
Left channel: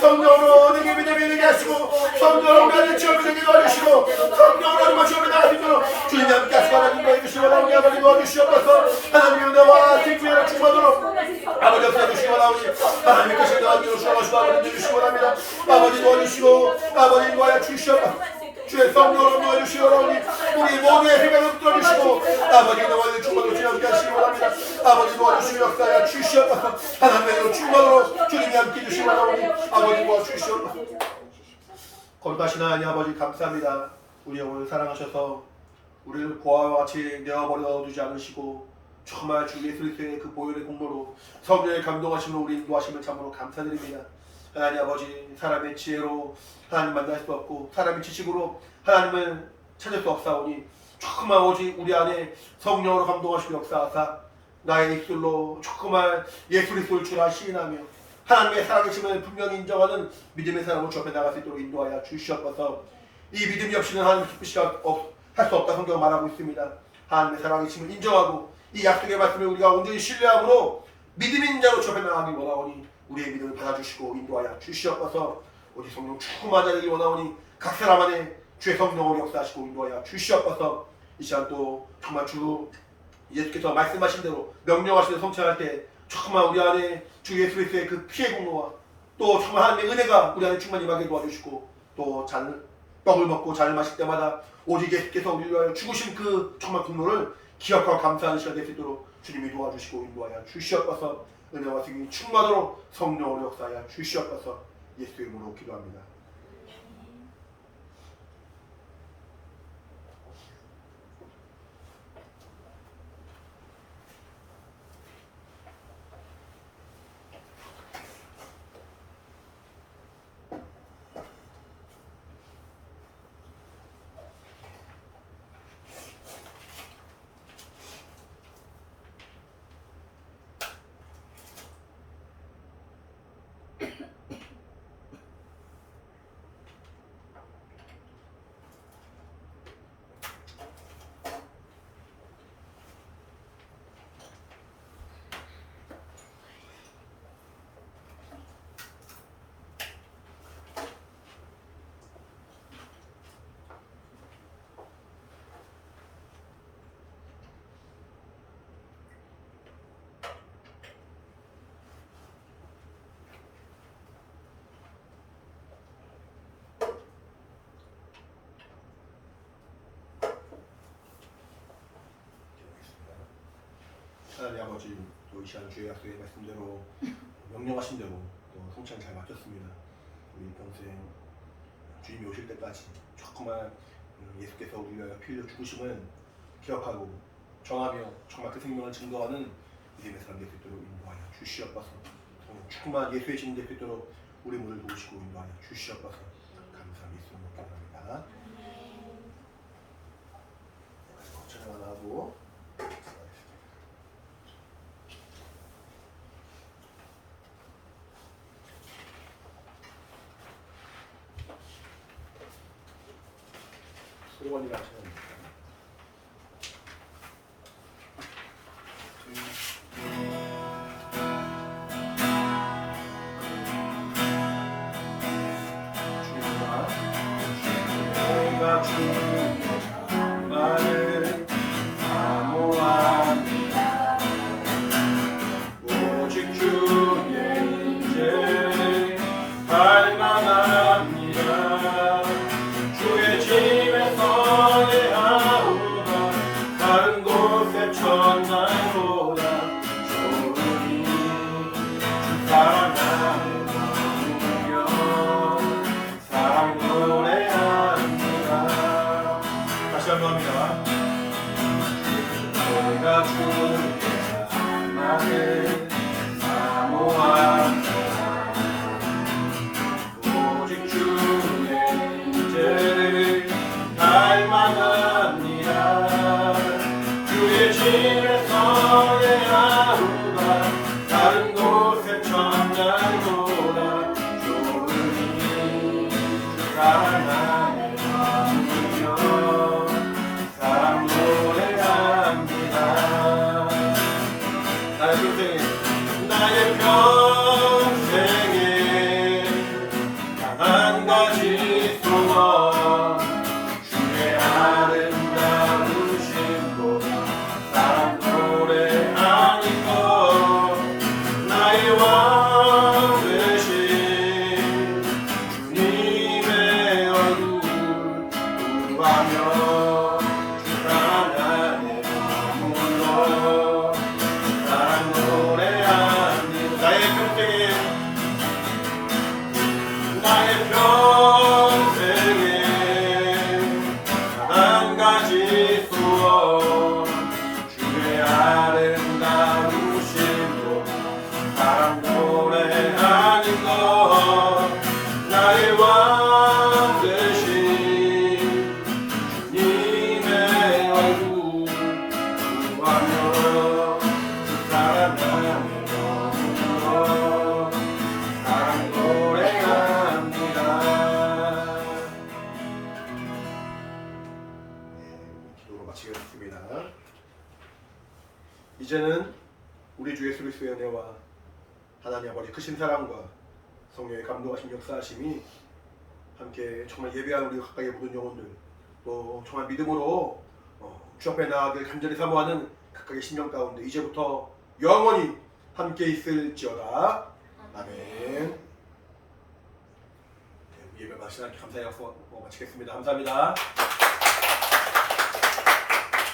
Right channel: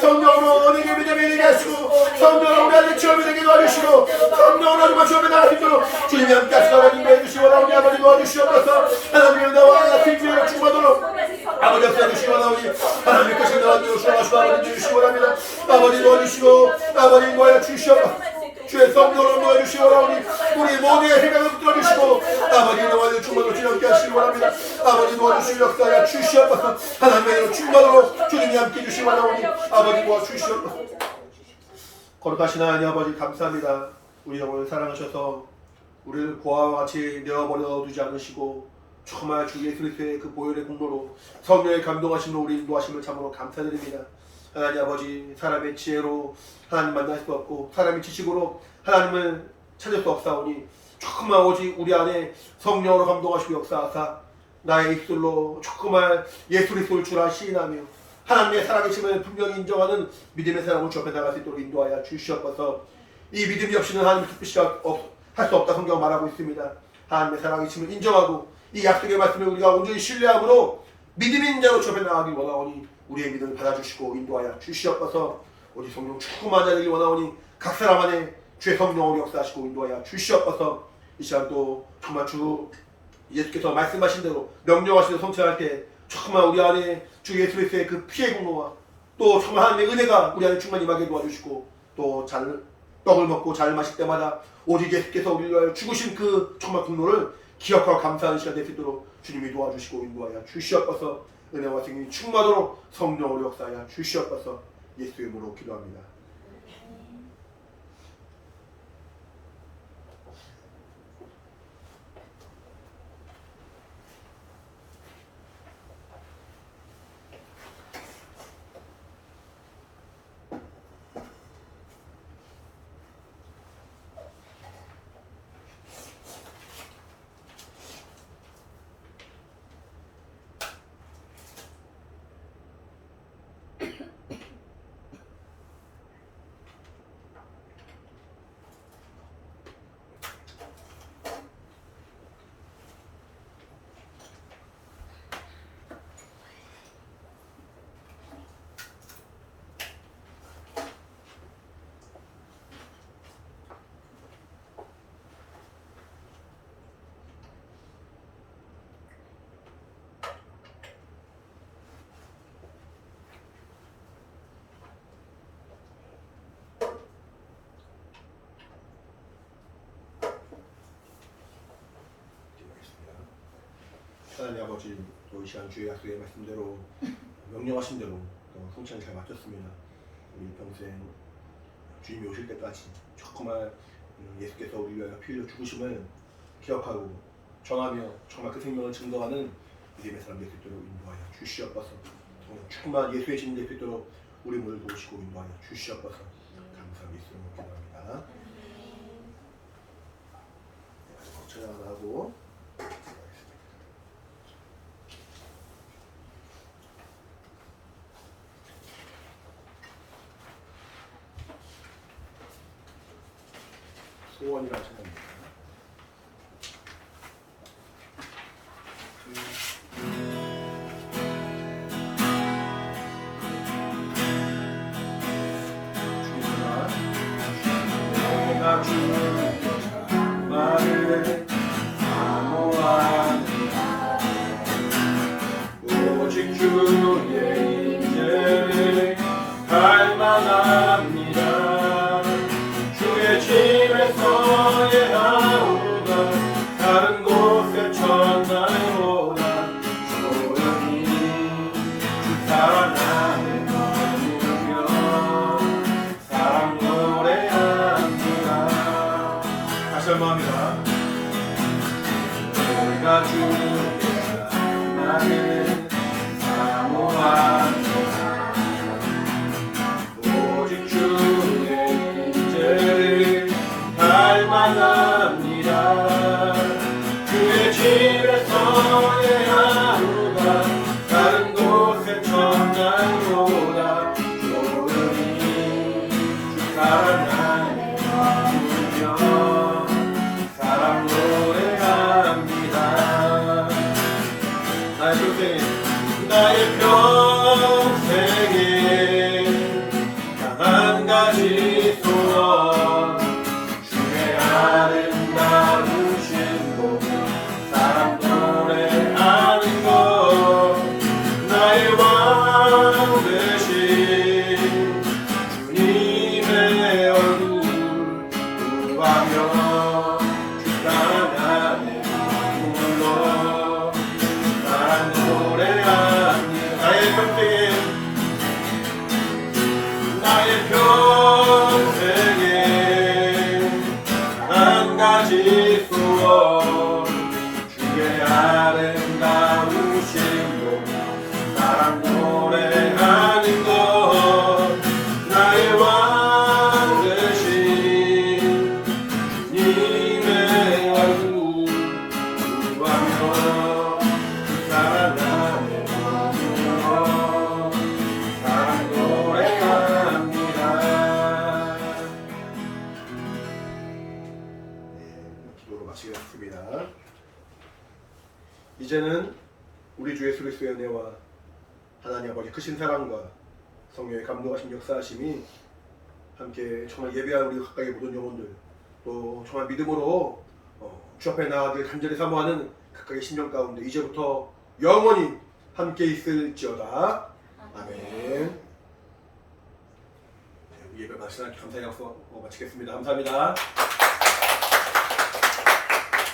성령으로 내게 믿음이 되게 하시고 성령으로 우리 아들 체험이 되게 도와주시고 성령으로 우리가 체험에 나갈 수 있도록 주님이 함께 하시고 아버지 인도해 주시기 원하오니 아버지 도와주시옵소서. 하나님의 은혜와 생명으로 충만하도록 아버지 역사해 주시기 원하오니 하나님의 것이 하나님으로 주셔가시고 아버지 주시기 원합니다. 아버지 도와주시고 아버지 인도하여 주시옵소서. 주의 성령으로 도와주시기 원하오니 우리 모두의 생각을 붙들어주시고 아버지 은혜와 충만으로 주님 함께 하시기 원합니다. 아버지 도와주시고 역사하여 주시옵소서. 하나님의 은혜로 충만으로 주님이 함께 해주시기 원하오니 아버지 도와주시옵소서. 거룩하신 하나님 아버지 감사합니다. 우리 영혼을 사랑하셔서 우리를 고아와 같이 내어버려 두지 않으시고 정말 주 예수 그리스도의 그 보혈의 공로로 성령의 감동하심으로 우리 인도하심을 참으로 감사드립니다. 하나님 아버지 사람의 지혜로 하나님 만날 수 없고 사람의 지식으로 하나님을 찾을 수 없사오니 정말 오직 우리 안에 성령으로 감동하시고 역사하사 나의 입술로 정말 예수 그리스도를 주라 시인하며 하나님의 살아계심을 분명히 인정하는 믿음의 사람을 좁혀 나갈 수 있도록 인도하여 주시옵소서. 이 믿음이 없이는 하나님을 기쁘시게 할 수 없다 성경 말하고 있습니다. 하나님의 살아계심을 인정하고 이 약속의 말씀을 우리가 온전히 신뢰함으로 믿음인 자로 좁혀 나가기 원하오니 우리의 믿음을 받아주시고 인도하여 주시옵소서. 오직 성령 충만한 자 되기 원하오니 각 사람 안에 주의 성령으로 역사하시고 인도하여 주시옵소서. 이 시간 또 정말 주 예수께서 말씀하신 대로 명령하신 대로 성취할 때 정말 우리 안에 주 예수 그리스도의 그 피의 공로와 또 정말 하나님의 은혜가 우리 안에 충만히 임하게 도와주시고 또 떡을 먹고 잔을 마실 때마다 오직 예수께서 우리를 위하여 죽으신 그 정말 공로를 기억하고 감사하는 시간 될 수 있도록 주님이 도와주시고 인도하여 주시옵소서. 은혜와 생명이 충만하도록 성령으로 역사하여 주시옵소서. 예수의 이름으로 기도합니다. 하나님 아버지, 또 이 시간 주의 약속의 말씀대로 명령하신 대로 또 성찬을 잘 마쳤습니다. 우리 평생 주님이 오실 때까지 정말 예수께서 우리 위하여 피 흘려 죽으심을 기억하고 전하며 정말 그 생명을 증거하는 믿음의 사람 될 수 있도록 인도하여 주시옵소서. 정말 예수의 신인 될 수 있도록 우리 문을 도우시고 인도하여 주시옵소서. 감사한 예수님을 기도합니다. 찬양 하나 하고 소원이라는 찬양입니다. 내가 주의 말을 사모합니다. 오직 주의 인재 갈망합니다. 주의 집에서 예하오다. 다른 곳에 천날보다 좋으니 주 사랑 안에 머물며 사랑 노래합니다. 다시 한번 합니다. 내가 주의 장막을 사모합니다. 오직 주의 인재를 갈망합니다. 주의 집에서 예하루가 다른 곳의 천날보다 좋으니 주 사랑 안에 머물며 사랑 노래합니다. 나의 평생에 단 한 가지 소원, 주의 아름다우신 것 사랑 노래하는 것, 나의 왕 되신 주님의 얼굴 구하며 주 사랑 안에 머물러 사랑 노래합니다. 나의 평생에 단 한 가지 소원, 주의 아름다우신 것 사랑 노래하는 것, 나의 왕 되신 주님 마치겠습니다. 이제는 우리 주 예수 그리스도의 은혜와 하나님 아버지 크신 사랑과 성령의 감동하신 역사하심이 함께 정말 예배한 우리 가까이 모든 영혼들 또 정말 믿음으로 주 앞에 나아가길 간절히 사모하는 각각의 심령 가운데 이제부터 영원히 함께 있을지어다. 아멘. 네, 예배 마치는 감사의 약속 마치겠습니다. 감사합니다.